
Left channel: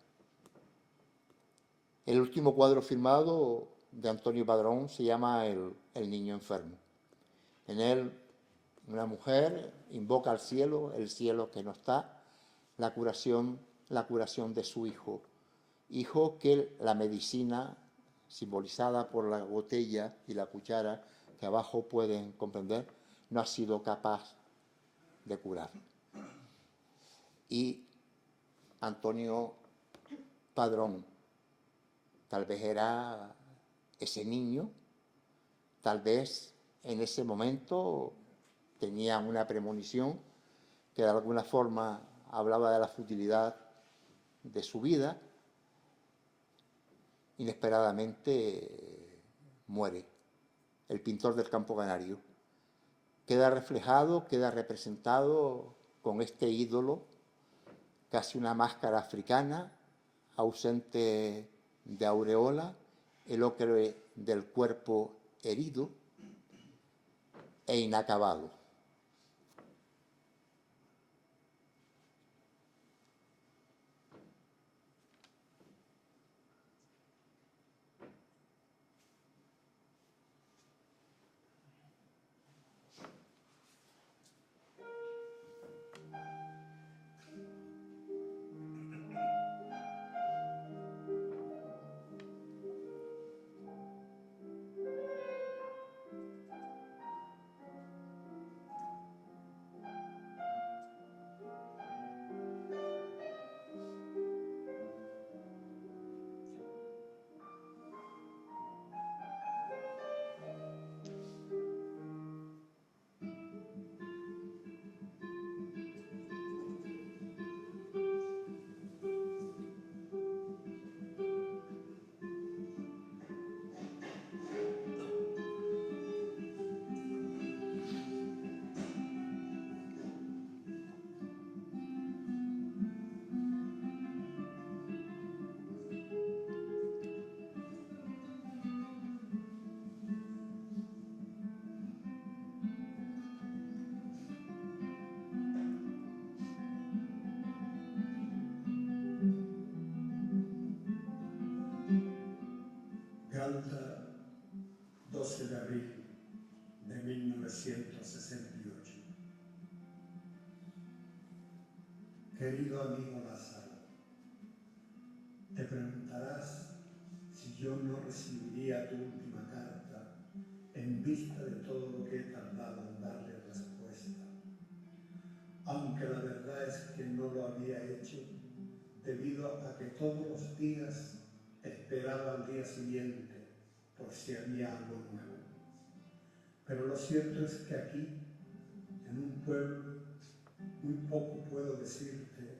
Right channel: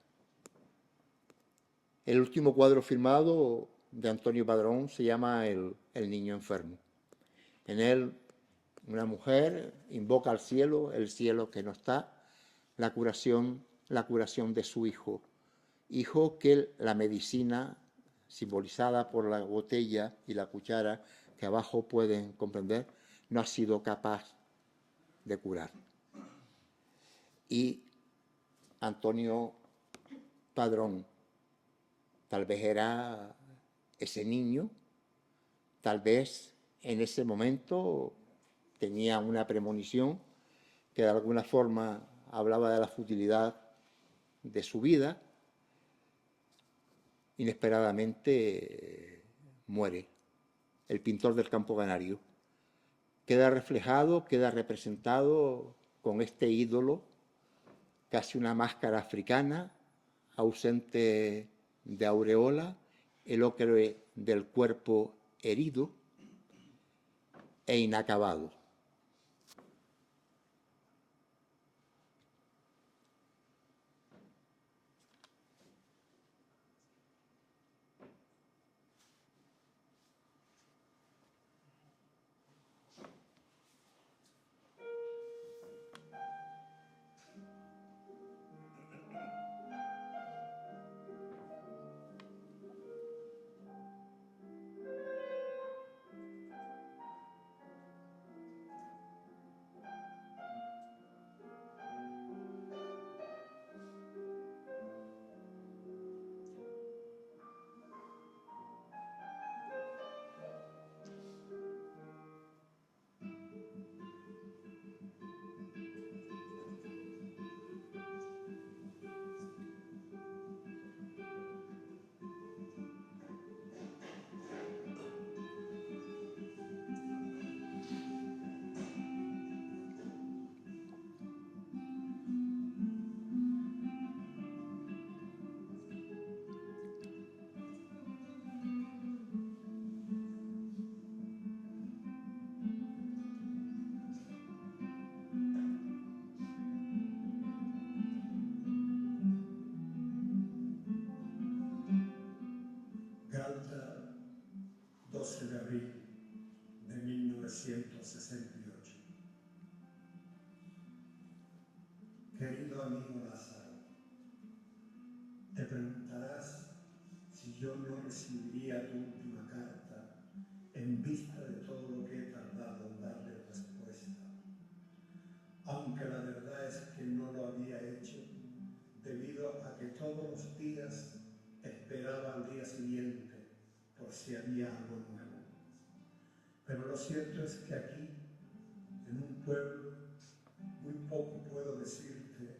El último cuadro firmado de Antonio Padrón se llama El niño enfermo. En él, una mujer invoca al cielo, el cielo que no está, la curación de su hijo. Hijo que la medicina, simbolizada por la botella y la cuchara, que abajo pueden comprender, no ha sido capaz de curar. Y Antonio Padrón tal vez era ese niño, tal vez en ese momento tenía una premonición que de alguna forma hablaba de la futilidad de su vida, inesperadamente muere. El pintor del Campo Canario queda reflejado, queda representado con este ídolo, casi una máscara africana, ausente de aureola, el ocre del cuerpo herido e inacabado. Galta, 12 de abril de 1968. Querido amigo Lázaro, te preguntarás si yo no recibiría tu última carta en vista de todo lo que he tardado en darle respuesta. Aunque la verdad es que no lo había hecho debido a que todos los días esperaba al día siguiente por si había algo nuevo. Pero lo cierto es que aquí, en un pueblo, muy poco puedo decirte,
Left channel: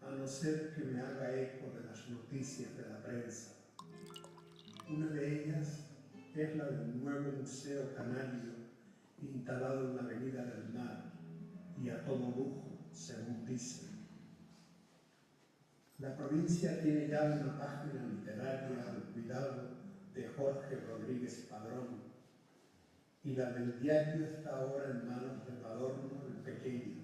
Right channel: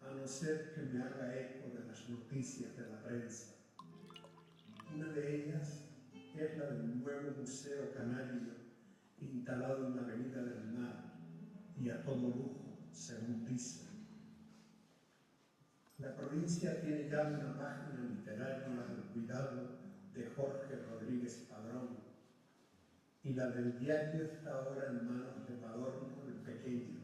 a no ser que me haga eco de las noticias de la prensa. Una de ellas es la del nuevo Museo Canario instalado en la Avenida del Mar y a todo lujo, según dicen. La provincia tiene ya una página literaria al cuidado de Jorge Rodríguez Padrón, y la del diario está ahora en manos de Adorno el Pequeño.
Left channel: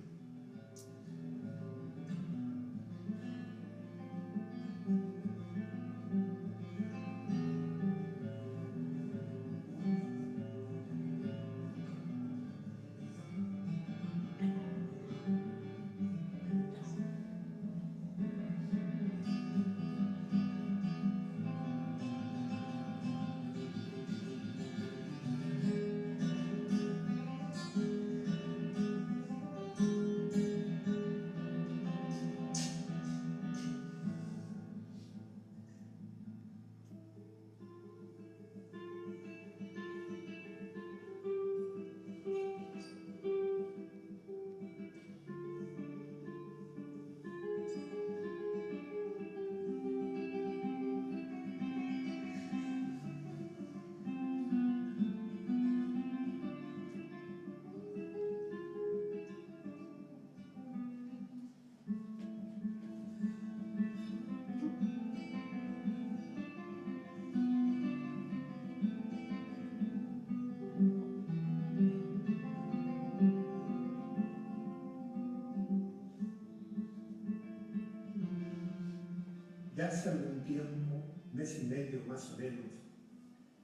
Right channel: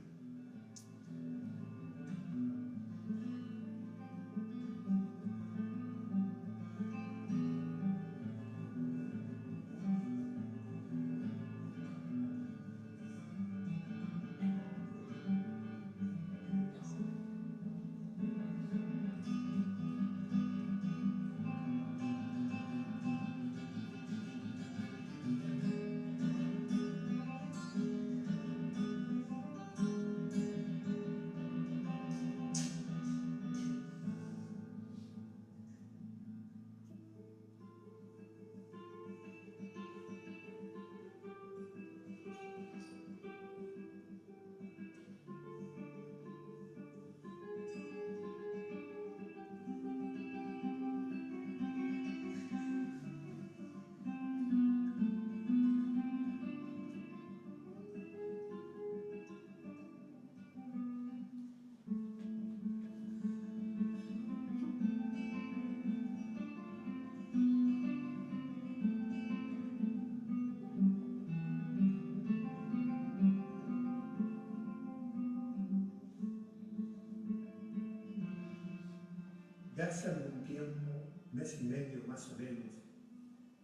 Ya hace algún tiempo, mes y medio más o menos,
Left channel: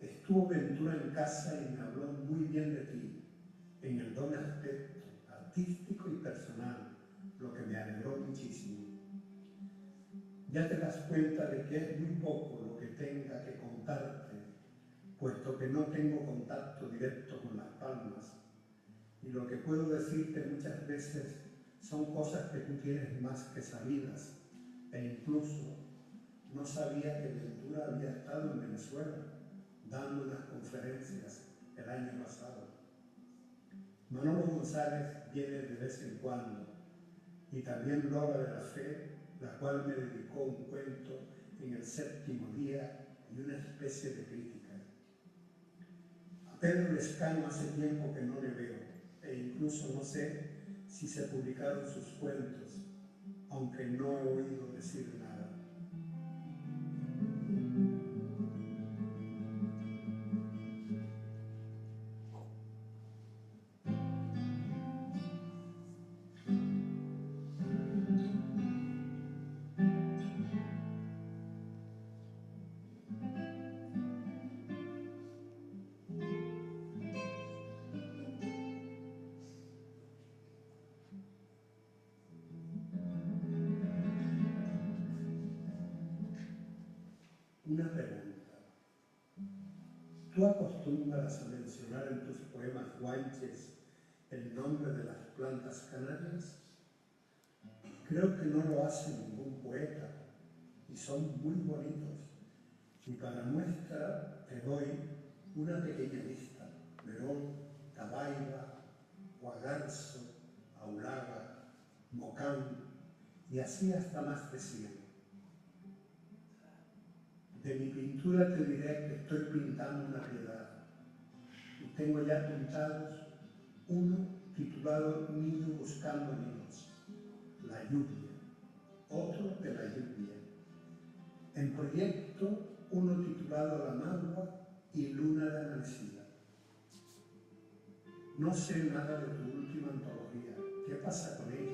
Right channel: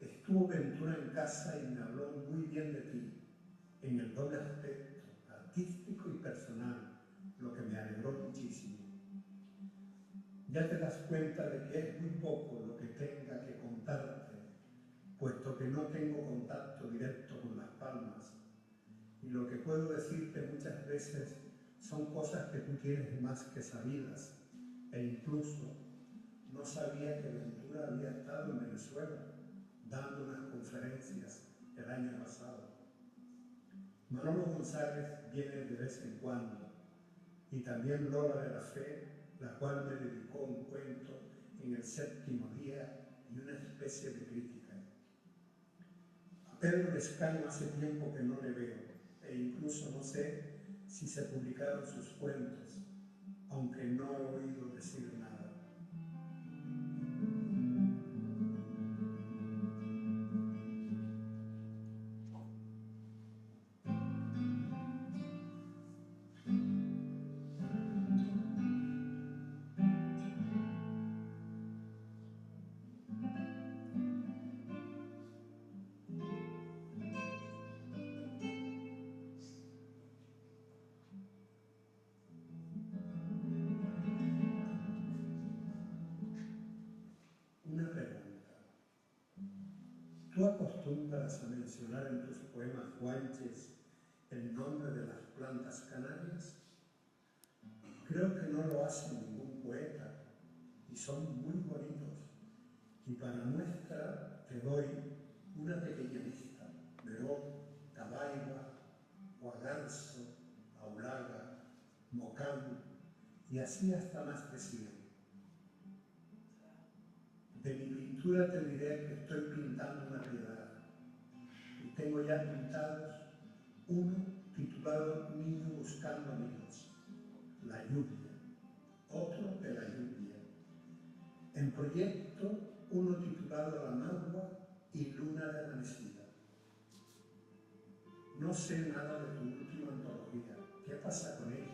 estuvo Ventura en casa y me habló muy bien de ti, en el doble aspecto, artístico y personal, lo que me alegró muchísimo. Ya te das cuenta de que es muy poco lo que tenga que contarte, puesto que no tengo contacto directo con Las Palmas, y lo que puedo decirte muchas veces son cosas que tú tienes más que sabidas, e incluso no sabía que Ventura había estado en Venezuela dando unas conferencias el año pasado. Manolo González viene de vez en cuando y también Lola de la Fe, la cual me dedicó un cuento en el 7º día y una especie de crítica. A Pedro Lescaño hace tiempo que no le veo, e incluso no sé si se publicaron sus cuentos, aunque no he oído decir nada. Una pregunta. ¿Tú acostumbras a mencionar en tus poemas guanches el nombre de las plantas canarias? Creo que no lo hace ningún poeta y son muy bonitos. Y para muestra te doy una pequeña lista: Verón, Tabaiba, Guagarzo, Auraga, Mocán y así hasta más de 100. De mi pintura te diré que estoy pintando una piedad y tengo ya pintados uno titulado Niño buscando niños, la lluvia, otro de la lluvia. En proyecto, uno titulado La Magua y Luna de Amanecida. No sé nada de tu última antología. ¿Qué pasa con ella?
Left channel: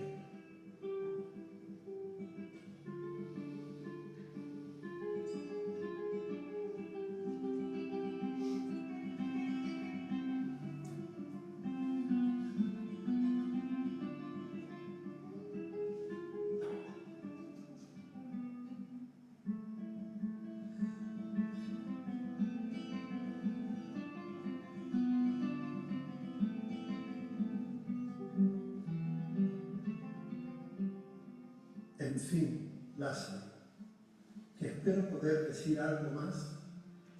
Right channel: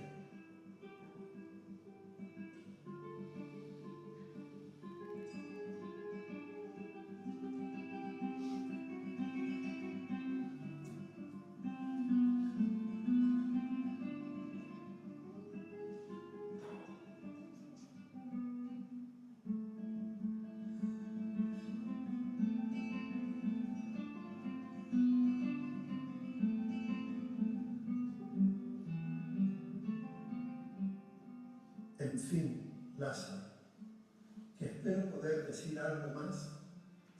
En fin, Lázaro, que espero poder decir algo más.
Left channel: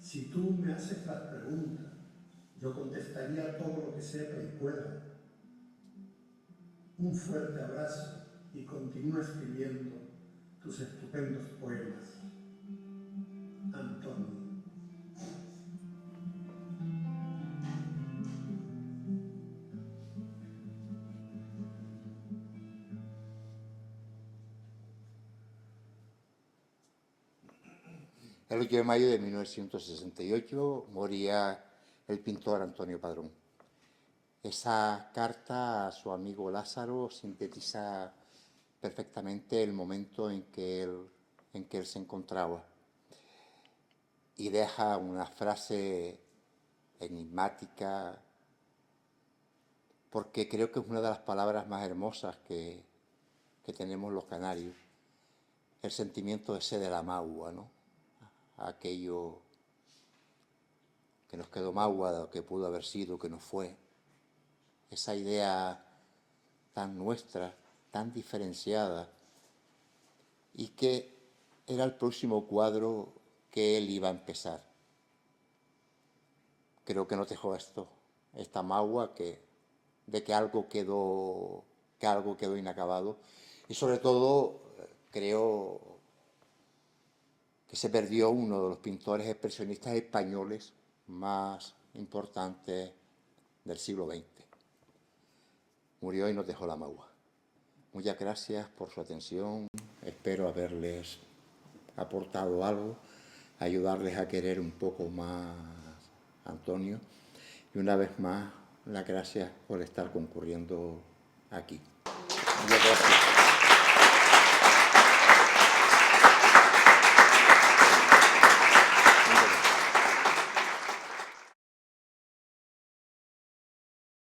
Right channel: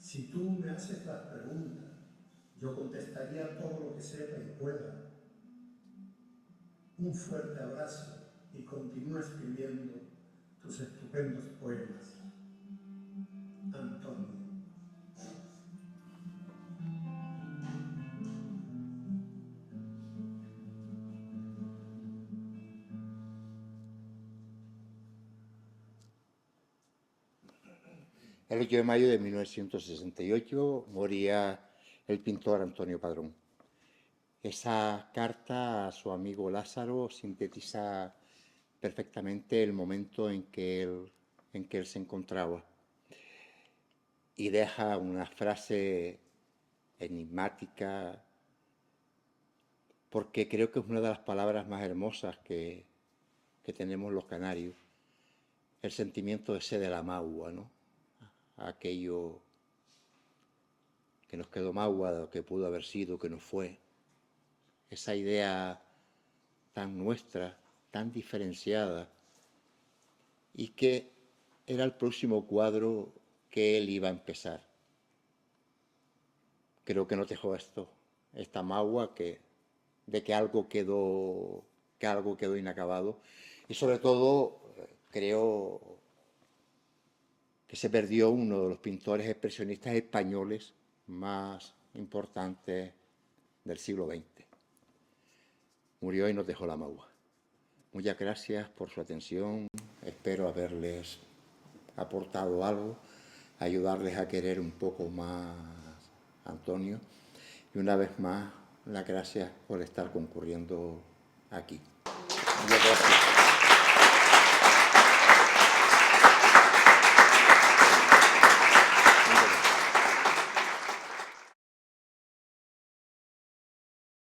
Si tú me haces las preguntas, yo contestaría todo lo que sepa y pueda. Un fuerte abrazo y continúa escribiendo tus estupendos poemas. Antonio. El 8 de mayo de 1968 moría el pintor Antonio Padrón. Esa carta a su amigo Lázaro sintetiza perfectamente el momento en que él se encontraba y deja una frase enigmática, porque creo que es una de las palabras más hermosas que tenemos los canarios, el sentimiento ese de la magua, ¿no? Aquello que nos quedó magua, que pudo haber sido, que no fue. Esa idea tan nuestra, tan diferenciada, y que era el próximo cuadro que él iba a empezar. Creo que nos dejó esta magua de que algo quedó inacabado, y sobre todo creo que se perdió uno de los pintores expresionistas españoles más importantes del siglo XX. Murió y nos dejó la magua. Muchas gracias por su atención. Espero haberles aportado algo, ayudarles a querer un poco más a Antonio. Y una vez más, las gracias por estar concurriendo aquí. Muchas gracias.